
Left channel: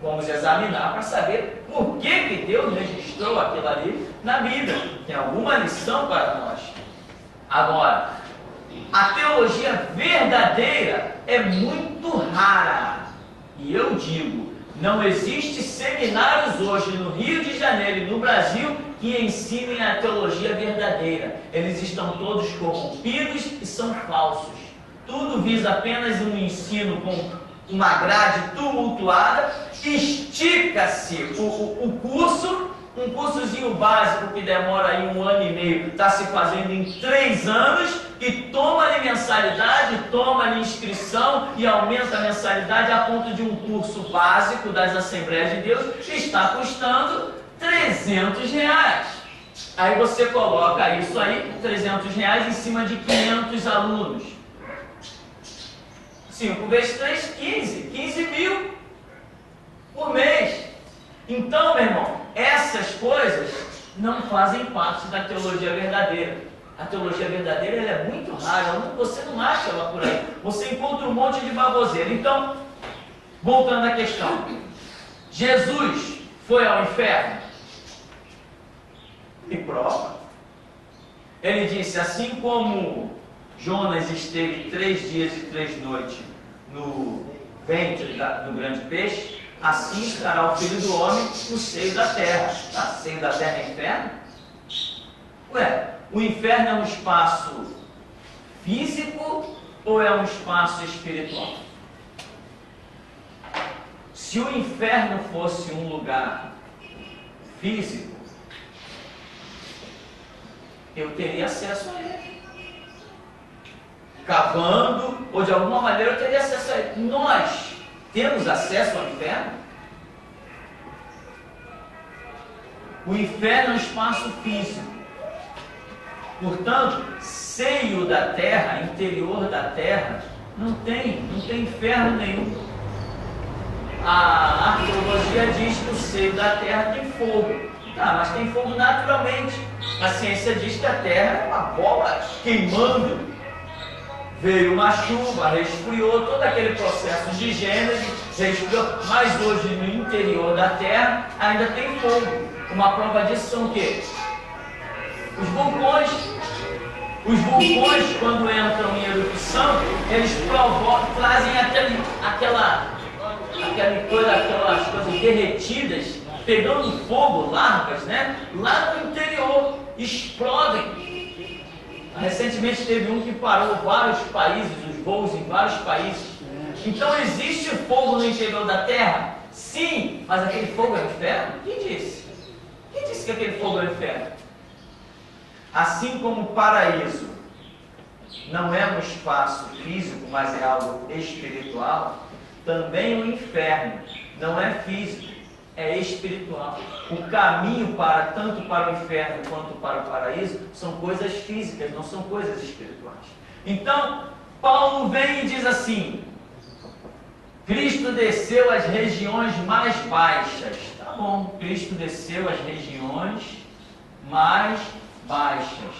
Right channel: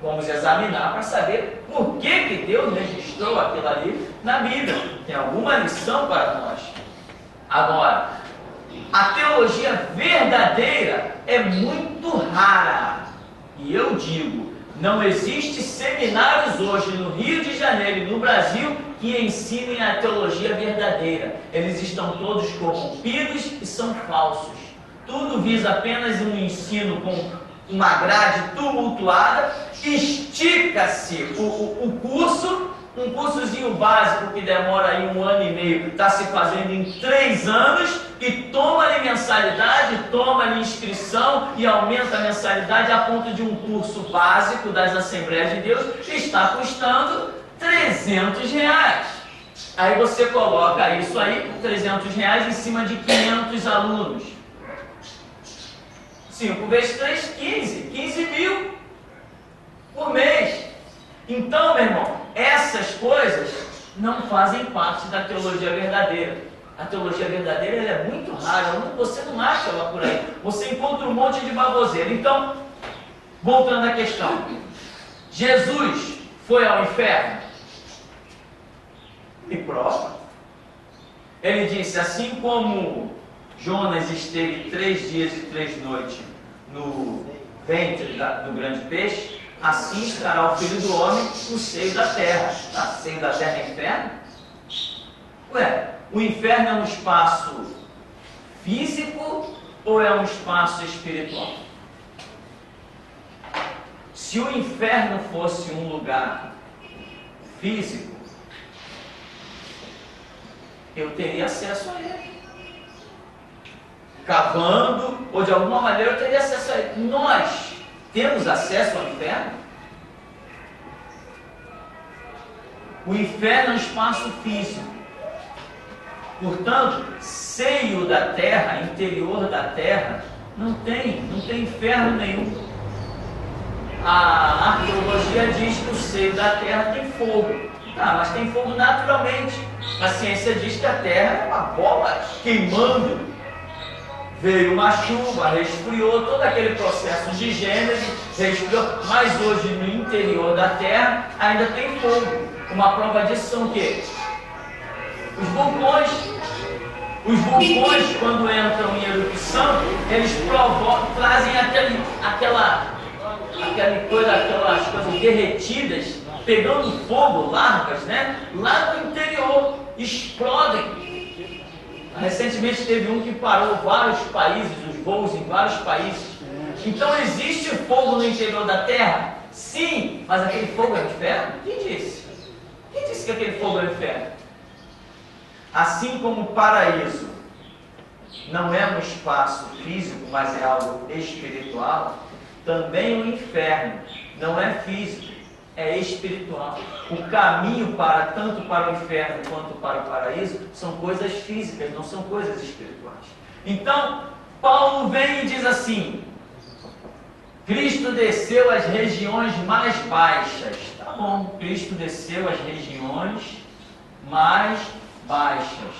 Vamos examinar para saber por que Deus registrou aquilo ali na Bíblia. Tem alguma lição para nós. Agora, a teologia verdadeira é muito rara. E eu digo, não existe seminários hoje no Rio de Janeiro e no Brasil que ensinem a teologia verdadeira. Eles estão todos corrompidos e são falsos. Tudo visa apenas um ensino com uma grade tumultuada. Estica-se o curso, um cursozinho básico que demora aí 1 ano e meio, está se fazendo em 3 anos, e toma-lhe mensalidade, toma-lhe inscrição e aumenta a mensalidade a ponto de um curso básico das Assembleias de Deus está custando R$300. Aí você coloca isso aí, R$300 em cima de 500 alunos. 5 vezes 3, 15 mil por mês. Então, meu irmão, essas coisas não fazem parte da teologia verdadeira. A teologia verdadeira ela é muito rara, você não acha ela por aí. Você encontra um monte de baboseira. Então, voltando à questão. Jesus foi ao inferno? Me prova. Ele disse, assim como Jonas esteve 3 dias e 3 noites no ventre do grande peixe, assim estará o Filho do Homem no seio da terra. Tá? Seio da terra é inferno? Ué, o inferno é um espaço físico ou é um espaço espiritual? Se o inferno fosse um lugar físico, eu teria acesso a ele. Cavando, ou de alguma maneira eu teria acesso a ele. Nós temos acesso ao inferno? O inferno é um espaço físico. Portanto, seio da terra, interior da terra, não tem inferno nenhum. A arqueologia diz que o seio da terra tem fogo. Tá, mas tem fogo naturalmente. A ciência diz que a terra é uma bola queimando. Veio uma chuva, resfriou, todo aquele processo de gênese, resfriou. Mas hoje no interior da terra ainda tem fogo. Uma prova disso são o quê? Os vulcões. Os vulcões, quando entram em erupção, eles trazem aquelas coisas derretidas, pegando fogo, larvas, né? Lá no interior, explodem. Recentemente teve um que parou vários países, os voos em vários países. Então existe fogo no interior da Terra? Sim, mas aquele fogo é o inferno? Quem disse? Quem disse que aquele fogo é o inferno? Assim como o paraíso não é um espaço físico, mas é algo espiritual, também o inferno não é físico, é espiritual. O caminho tanto para o inferno quanto para o paraíso são coisas físicas, não são coisas espirituais. Então, Paulo vem e diz assim: Cristo desceu às regiões mais baixas. Tá bom, Cristo desceu às regiões mais baixas.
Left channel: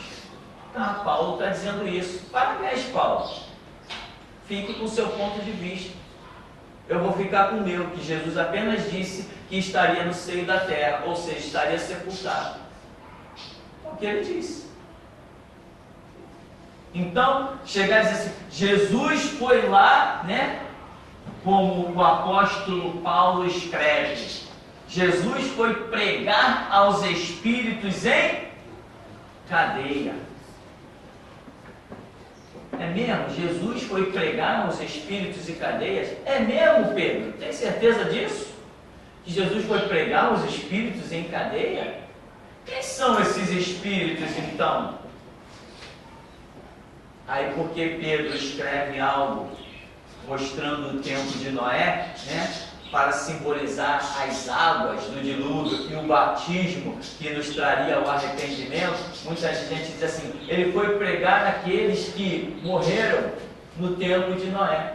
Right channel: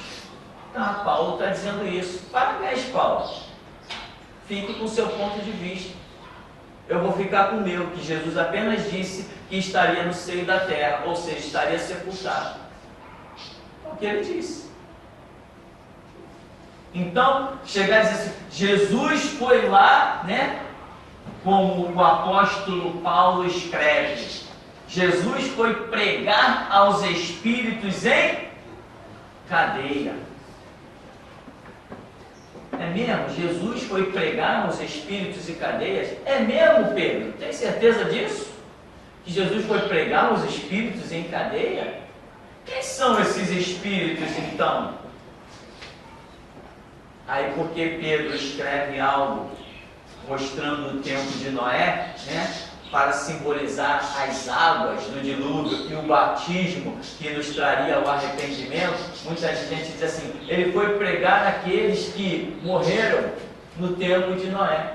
Tá, Paulo está dizendo isso. Parabéns, Paulo. Fique com o seu ponto de vista. Eu vou ficar com o meu, que Jesus apenas disse que estaria no seio da terra, ou seja, estaria sepultado. É o que ele disse. Então, chegar a dizer assim, Jesus foi lá, né? Como o apóstolo Paulo escreve, Jesus foi pregar aos espíritos em cadeia. É mesmo? Jesus foi pregar aos espíritos em cadeias? É mesmo, Pedro? Tem certeza disso? Que Jesus foi pregar aos espíritos em cadeia? Quem são esses espíritos, então? Aí, porque Pedro escreve algo mostrando o tempo de Noé, né? Para simbolizar as águas do dilúvio e o batismo que nos traria o arrependimento, muita gente diz assim, ele foi pregar naqueles que morreram no tempo de Noé.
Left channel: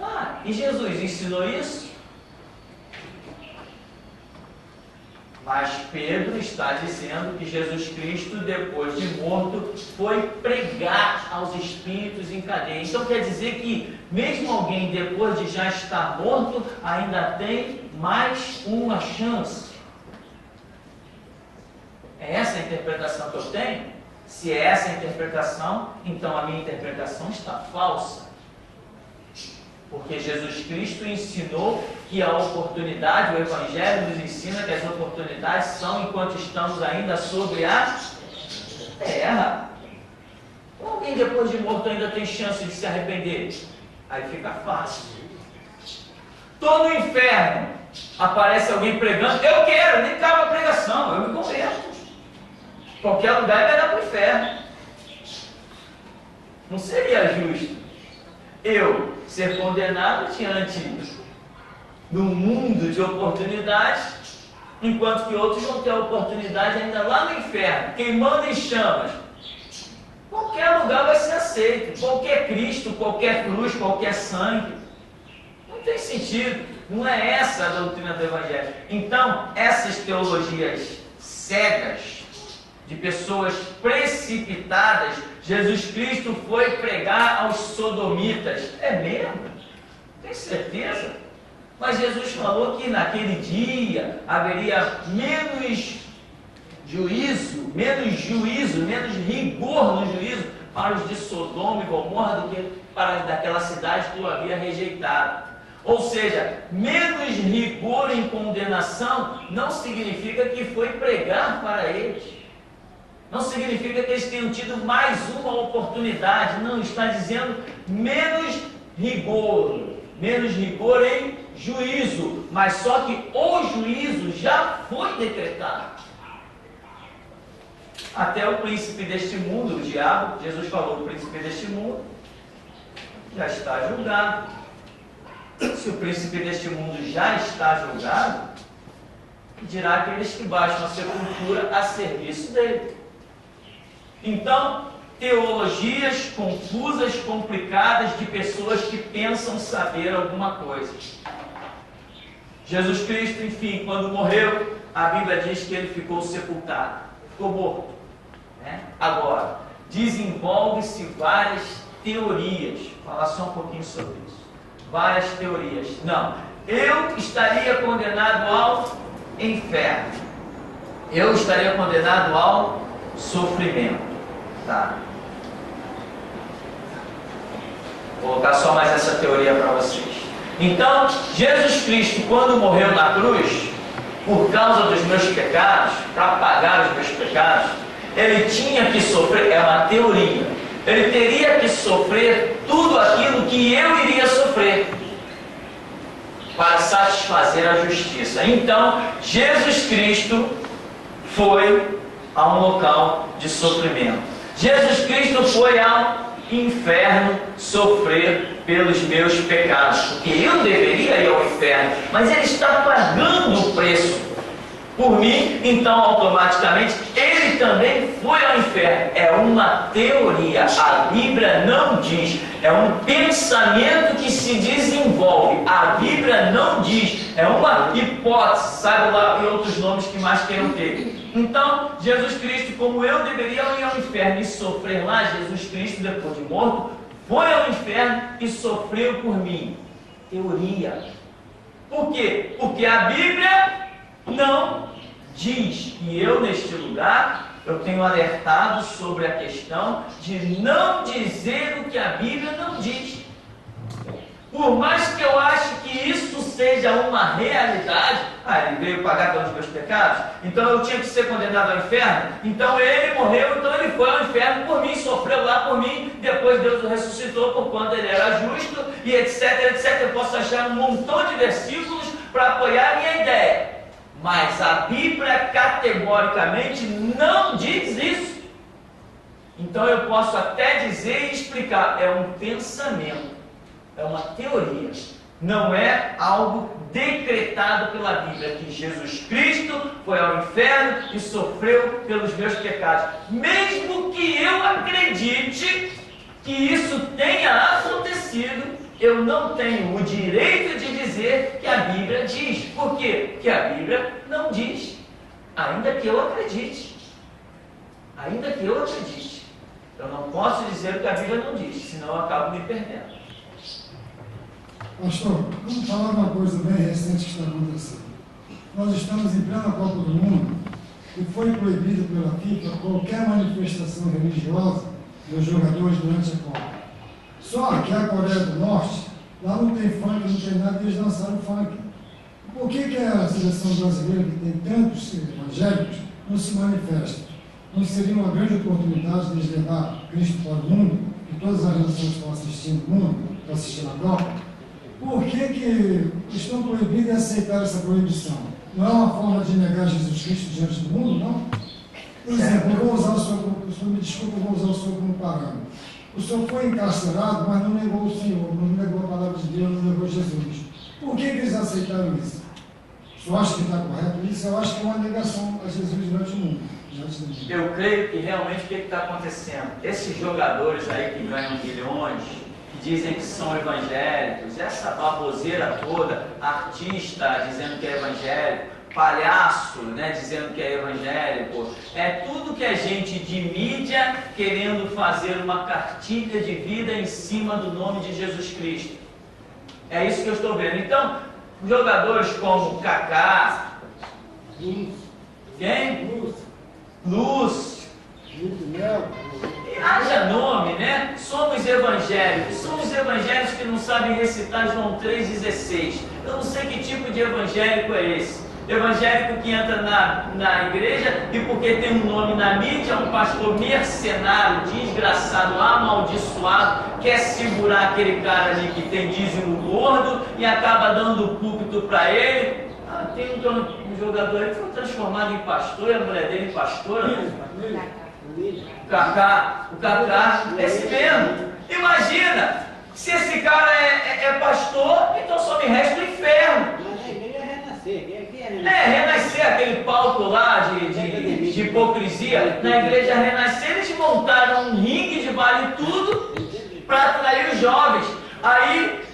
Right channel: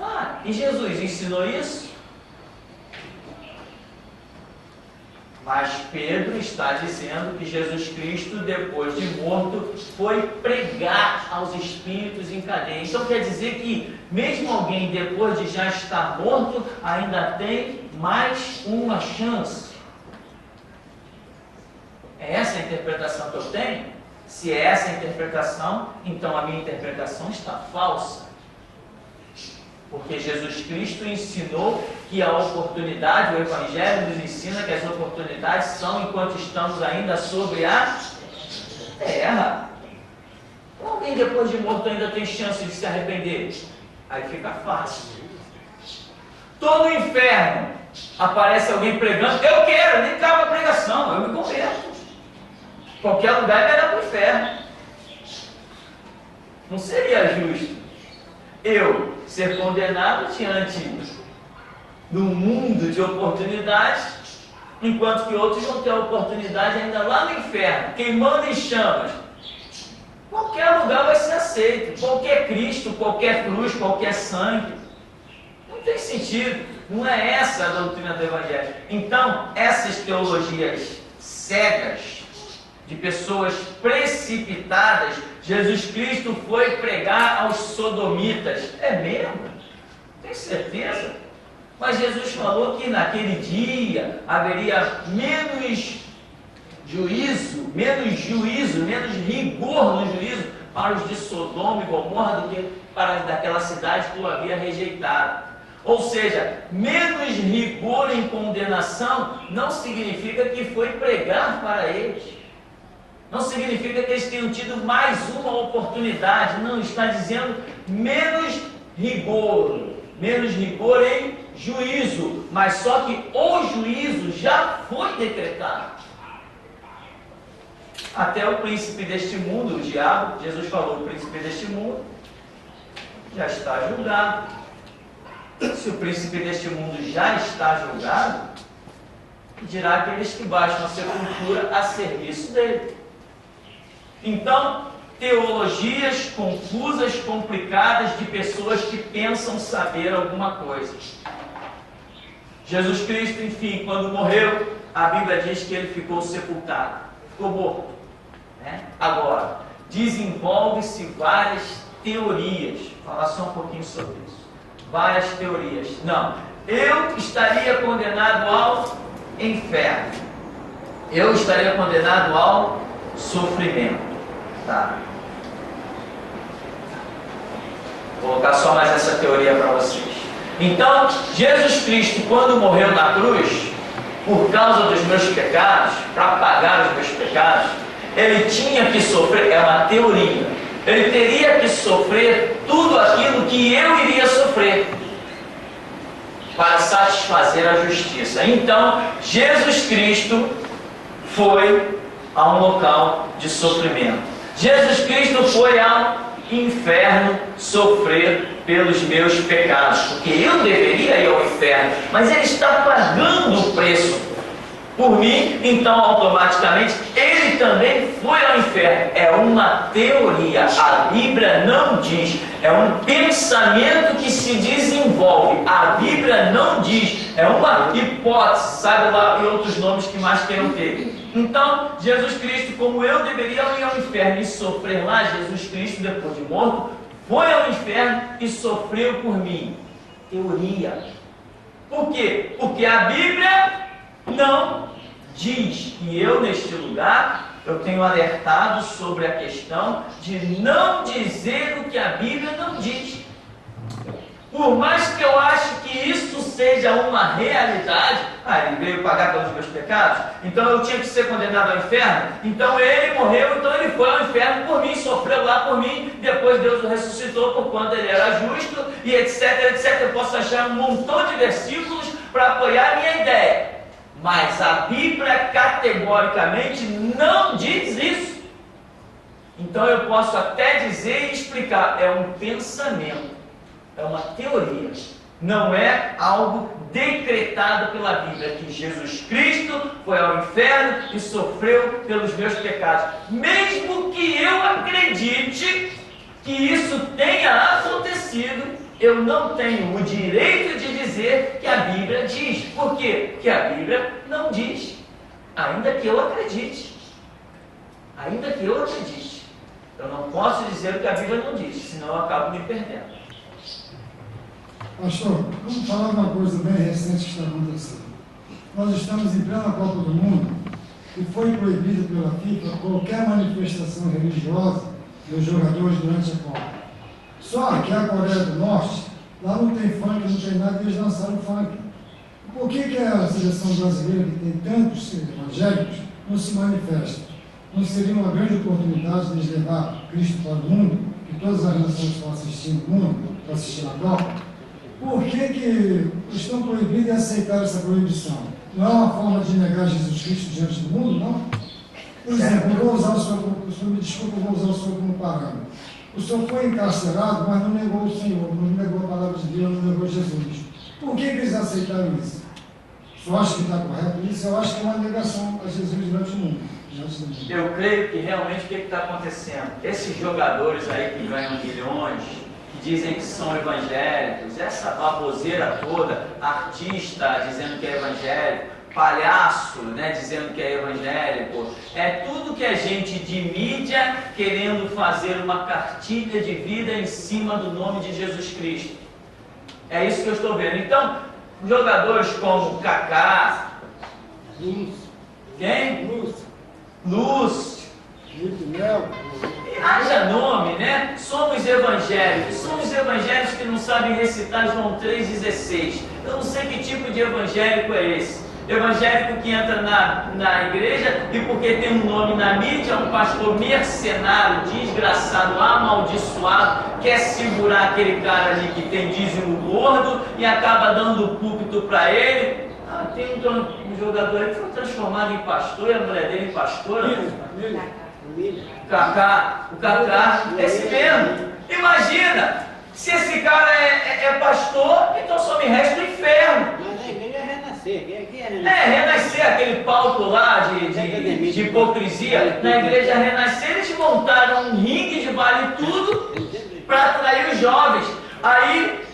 Ah, e Jesus ensinou isso? Mas Pedro está dizendo que Jesus Cristo, depois de morto, foi pregar aos espíritos em cadeia. Então quer dizer que mesmo alguém depois de já estar morto, ainda tem mais uma chance. É essa a interpretação que eu tenho? Se é essa a interpretação, então a minha interpretação está falsa. Porque Jesus Cristo ensinou que a oportunidade, o Evangelho nos ensina que as oportunidades são enquanto estamos ainda sobre a terra. Alguém depois de morto ainda tem chance de se arrepender? Aí fica fácil. Estou no inferno, aparece alguém pregando, eu quero, nem cabe a pregação, eu me converto. Qualquer lugar vai dar para o inferno. Não seria justo eu ser condenado diante do mundo de oportunidades, enquanto que outros vão ter a oportunidade ainda lá no inferno, queimando em chamas. Qualquer lugar vai ser aceito, qualquer Cristo, qualquer cruz, qualquer sangue. Não tem sentido, não é essa a doutrina do Evangelho. Então, essas teologias cegas, de pessoas precipitadas, Jesus Cristo foi pregar aos sodomitas. É mesmo? Tem certeza? Mas Jesus falou que naquele dia haveria menos juízo, menos rigor no juízo para os de Sodoma e Gomorra do que para daquela cidade que o havia rejeitado. Ou seja, menos rigor em condenação não significa que foi pregar para eles. Não significa que eles tenham tido mais uma oportunidade. Não, está dizendo menos rigor em juízo. Mas só que o juízo já foi decretado. Até o príncipe deste mundo, o diabo, Jesus falou, o príncipe deste mundo já está julgado. Se o príncipe deste mundo já está julgado, dirá aqueles que baixam a sepultura a serviço dele. Então, teologias confusas, complicadas, de pessoas que pensam saber alguma coisa. Jesus Cristo, enfim, quando morreu, a Bíblia diz que ele ficou sepultado, ficou morto, né? Agora, desenvolve-se várias teorias. Vou falar só um pouquinho sobre isso. Várias teorias. Não, eu estaria condenado ao inferno. Eu estaria condenado ao sofrimento. Tá. Vou colocar só mais essa teoria para vocês. Então, Jesus Cristo, quando morreu na cruz, por causa dos meus pecados, para pagar os meus pecados, ele tinha que sofrer, é uma teoria, ele teria que sofrer tudo aquilo que eu iria sofrer para satisfazer a justiça. Então, Jesus Cristo foi a um local de sofrimento. Jesus Cristo foi ao inferno sofrer pelos meus pecados, porque eu deveria ir ao inferno, mas ele está pagando o preço por mim, então automaticamente ele também foi ao inferno. É uma teoria, a Bíblia não diz, é um pensamento que se desenvolve, a Bíblia não diz, é uma hipótese, sabe lá, e outros nomes que mais queiram ter. Então, Jesus Cristo, como eu deveria ir ao inferno e sofrer lá, Jesus Cristo, depois de morto, foi ao inferno e sofreu por mim. Teoria. Por quê? Porque a Bíblia não diz. E eu, neste lugar, eu tenho alertado sobre a questão de não dizer o que a Bíblia não diz. Por mais que eu ache que isso seja uma realidade, ele veio pagar pelos meus pecados, então eu tinha que ser condenado ao inferno, então ele morreu, então ele foi ao inferno por mim, sofreu lá por mim, depois Deus o ressuscitou por quanto ele era justo, e etc, etc. Eu posso achar um montão de versículos para apoiar a minha ideia, mas a Bíblia categoricamente não diz isso. Então eu posso até dizer e explicar, é um pensamento, é uma teoria, não é algo decretado pela Bíblia, que Jesus Cristo foi ao inferno e sofreu pelos meus pecados. Mesmo que eu acredite que isso tenha acontecido, eu não tenho o direito de dizer que a Bíblia diz. Por quê? Porque a Bíblia não diz, ainda que eu acredite. Ainda que eu acredite. Eu não posso dizer o que a Bíblia não diz, senão eu acabo me perdendo. Pastor, vamos falar de uma coisa bem recente que está acontecendo. Nós estamos em plena Copa do Mundo e foi proibido pela FIFA qualquer manifestação religiosa dos jogadores durante a Copa. Só que a Coreia do Norte, lá não tem funk, não tem nada, eles lançaram funk. Por que a seleção brasileira, que tem tantos evangélicos, não se manifesta? Não seria uma grande oportunidade de eles levar Cristo para o mundo, que todas as nações estão assistindo o mundo, para assistir a Copa? Por que estão proibidos e aceitaram essa proibição? Não é uma forma de negar Jesus Cristo diante do mundo, não? Por exemplo, eu vou usar o senhor, me desculpa, eu vou usar o senhor como parâmetro. O senhor foi encarcerado, mas não negou o Senhor, não negou a palavra de Deus, não negou Jesus. Por que eles aceitaram isso? O senhor acha que está correto isso? Eu acho que é uma negação a Jesus durante o mundo. Eu creio que realmente o que está acontecendo? Esses jogadores aí que ganham milhões, que dizem que são evangélicos, essa baboseira toda, artista dizendo que é evangélico, palhaço, né, dizendo que é evangélico, é tudo que é gente de mídia querendo fazer uma cartilha de vida em cima do nome de Jesus Cristo. É isso que eu estou vendo. Então, jogadores como Kaká, quem? Lúcio, e haja nome, né? Somos evangélicos que não sabem recitar João 3,16. Eu não sei que tipo de evangélico é esse. Evangélico que entra na igreja e porque tem um nome na mídia, um pastor mercenário, desgraçado, amaldiçoado, quer segurar aquele cara ali que tem dízimo gordo e acaba dando o púlpito para ele. Tem um jogador aí que foi transformado em pastor e a mulher dele em pastora. O Kaká, esse mesmo. Imagina, se esse cara é pastor, então só me resta o inferno. Renascer, aquele palco lá de hipocrisia. Na igreja Renascer, eles montaram um ringue de vale tudo para atrair os jovens. Aí,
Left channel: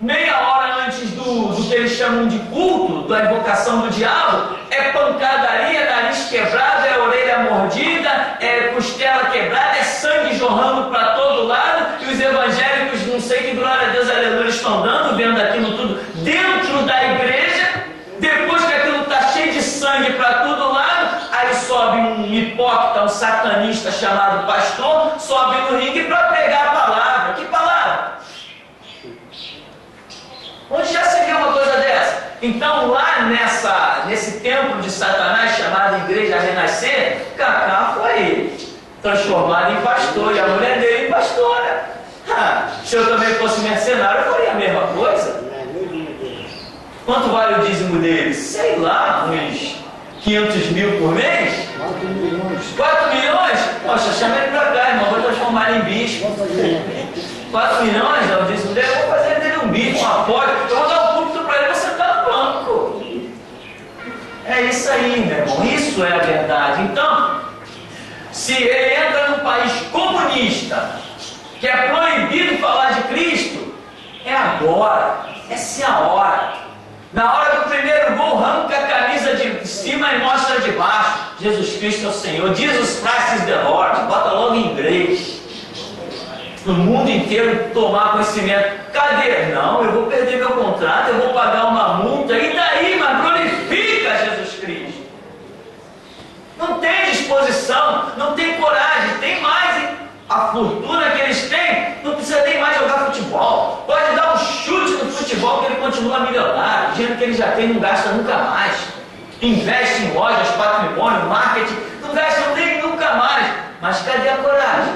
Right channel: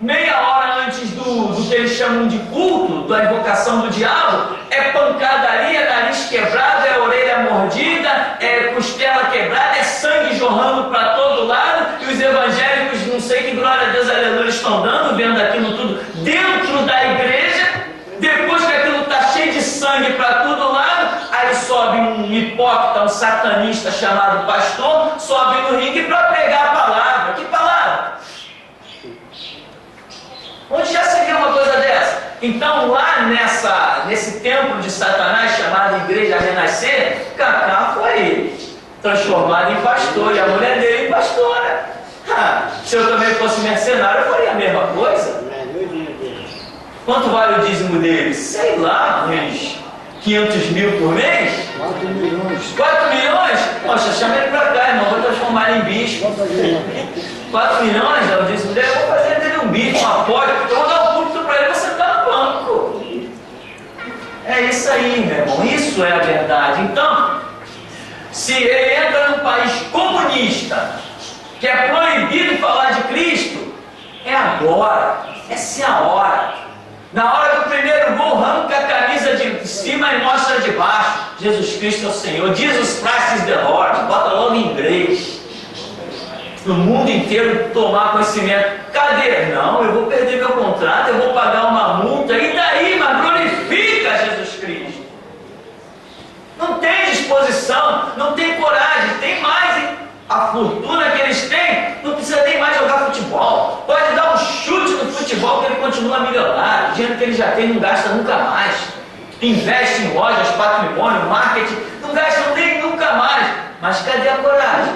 meia hora antes do que eles chamam de culto, da invocação do diabo, é pancadaria, nariz quebrado, é orelha mordida, é costela quebrada, é sangue jorrando para todo lado, e os evangélicos, não sei que glória a Deus, aleluia, estão dando, vendo aquilo tudo dentro da igreja. Depois que aquilo está cheio de sangue para todo lado, aí sobe um hipócrita, um satanista chamado pastor, sobe no ringue para pregar a palavra. Que palavra? Onde já se viu uma coisa dessa? Então lá nesse templo de Satanás chamado Igreja Renascer, Kaká foi transformado em pastor e a mulher dele em pastora. Se eu também fosse mercenário, eu faria a mesma coisa. Quanto vale o dízimo deles? Sei lá, uns 500 mil por mês? 4 milhões. 4 milhões? Poxa, chama ele pra cá, irmão, vou transformar ele em bispo. 4 milhões é o dízimo dele, eu vou fazer dele um bispo, um apoio, eu vou dar um púlpito pra ele, vou sentar no banco. É isso aí, meu irmão, isso é a verdade. Então, se ele entra num país comunista, que é proibido falar de Cristo, é agora, essa é a hora. Na hora do primeiro gol, arranca a camisa de cima e mostra de baixo. Jesus Cristo é o Senhor. Jesus Christ is the Lord. Bota logo em inglês. No mundo inteiro tomar conhecimento. Cadê? Não, eu vou perder meu contrato, eu vou pagar uma multa. E daí? Mas glorifica Jesus Cristo. Não tem disposição, não tem coragem. Tem mais, hein? A fortuna que eles têm, não precisa nem mais jogar futebol. Pode dar um chute no futebol que ele continua milionário. O dinheiro que ele já tem não gasta nunca mais. Investe em lojas, patrimônio, marketing, não gasta nem nunca mais. Mas cadê a coragem?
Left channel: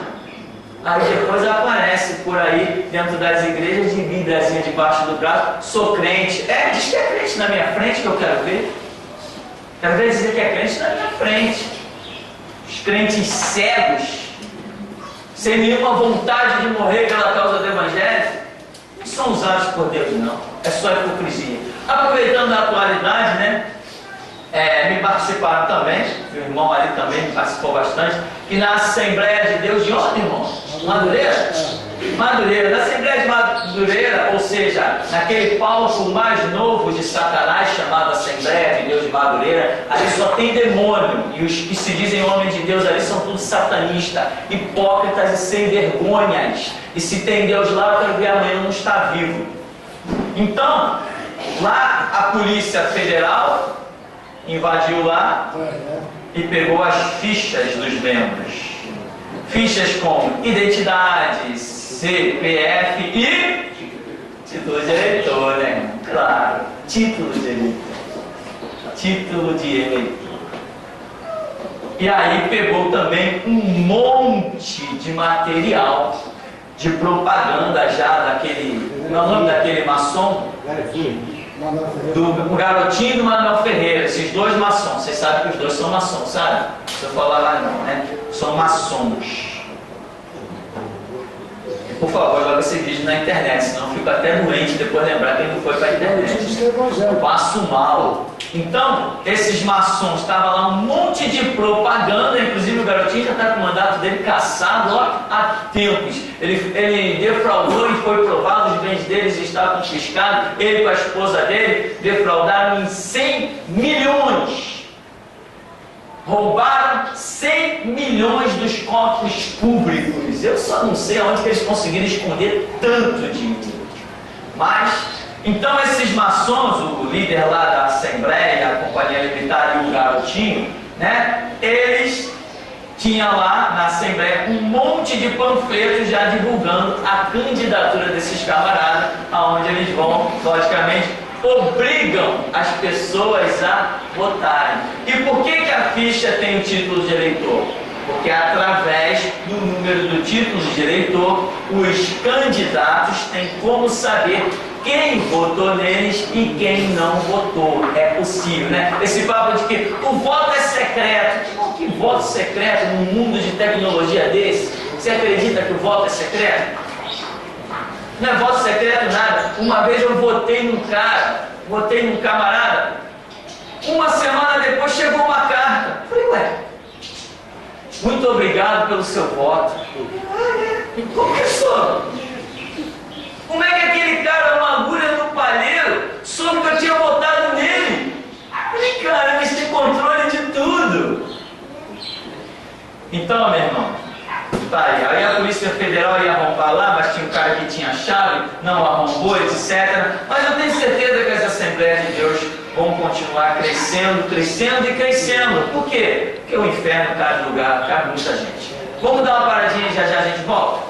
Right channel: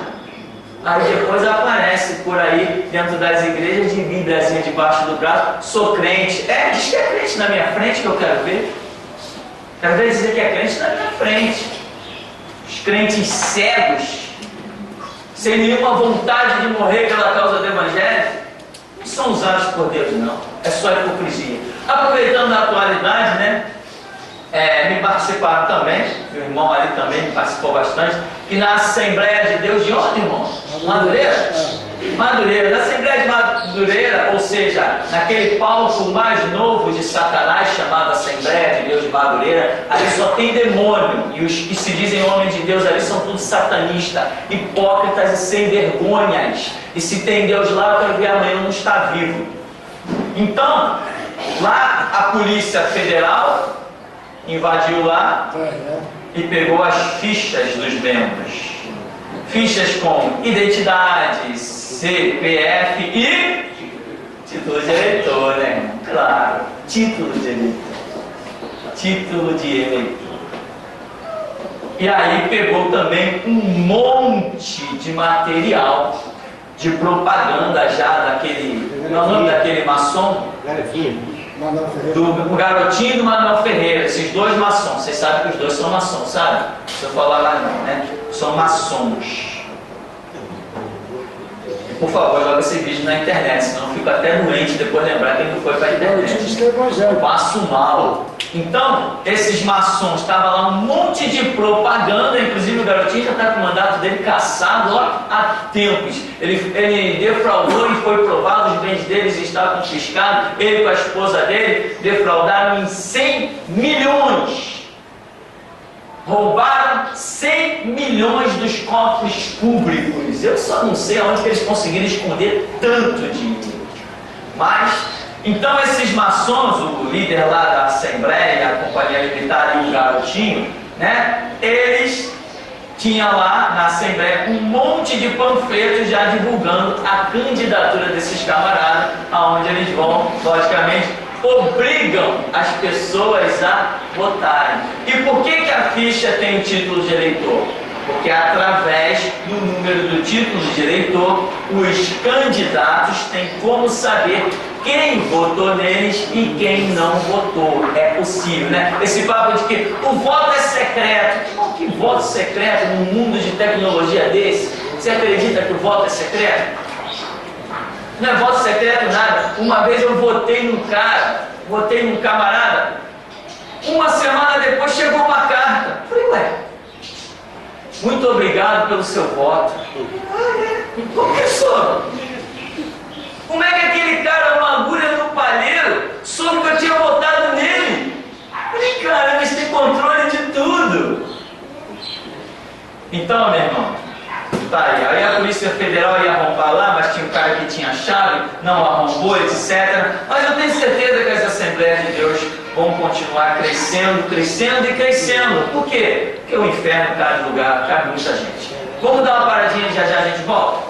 Aí depois aparece por aí, dentro das igrejas, de Bíbliazinha debaixo do braço. Sou crente. Diz que é crente na minha frente que eu quero ver. Quero ver dizer que é crente na minha frente. Os crentes cegos, sem nenhuma vontade de morrer pela causa do Evangelho, não são usados por Deus, não. É só hipocrisia. Aproveitando a atualidade, né? Me participaram também, o irmão ali também me participou bastante, e na Assembleia de Deus de onde, irmão? Madureira? Madureira. Na Assembleia de Madureira, ou seja, naquele palco mais novo de Satanás, chamado Assembleia de Deus de Madureira, ali só tem demônio, e os que se dizem homens de Deus ali são todos satanistas, hipócritas e sem vergonhas. E se tem Deus lá, eu quero ver amanhã não está vivo. Então, lá a Polícia Federal invadiu lá e pegou as fichas dos membros. Fichas com identidade, CPF e título de eleitor, né? Claro, título de eleitor. Título de eleitor. E aí pegou também um monte de material de propaganda já daquele... Não é o nome daquele maçom? Do garotinho do Manuel Ferreira, esses dois maçons. Vocês sabem que os dois são maçons, sabe? Se eu falar lá não, né? São maçons. Por favor, joga esse vídeo na internet, senão eu fico até doente depois lembrar quem não foi para a internet. Eu passo mal. Então, esses maçons, estava lá um monte de propaganda, inclusive o garotinho já está com o mandato dele cassado ó, há tempos. Ele defraudou e foi provado, os bens deles estavam confiscados, ele com a esposa dele defraudaram em 100 milhões. Roubaram 100 milhões dos cofres públicos. Eu só não sei aonde que eles conseguiram esconder tanto dinheiro. Mas, então esses maçons, o líder lá da Assembleia, a Companhia Militar e o garotinho, né? Eles tinham lá na Assembleia um monte de panfletos já divulgando a candidatura desses camaradas, aonde eles vão, logicamente, obrigam as pessoas a votarem. E por que a ficha tem o título de eleitor? Porque através do número do título de eleitor, os candidatos têm como saber quem votou neles e quem não votou. É possível, né? Esse papo de que o voto é secreto. Que voto secreto num mundo de tecnologia desse? Você acredita que o voto é secreto? Não é voto secreto nada. Uma vez eu votei num cara, votei num camarada, uma semana depois chegou uma carta. Falei, ué, muito obrigado pelo seu voto. Como que sou? Como é que aquele cara, uma agulha no palheiro, soube que eu tinha votado nele? Falei, cara, eles têm controle de tudo. Então, meu irmão, tá aí a Polícia Federal ia arrombar lá, mas tinha um cara que tinha chave, não arrombou, etc. Mas eu tenho certeza que as Assembleias de Deus vão continuar crescendo, crescendo e crescendo. Por quê? Porque o inferno cabe lugar, cabe muita gente. Vamos dar uma paradinha e já já a gente volta?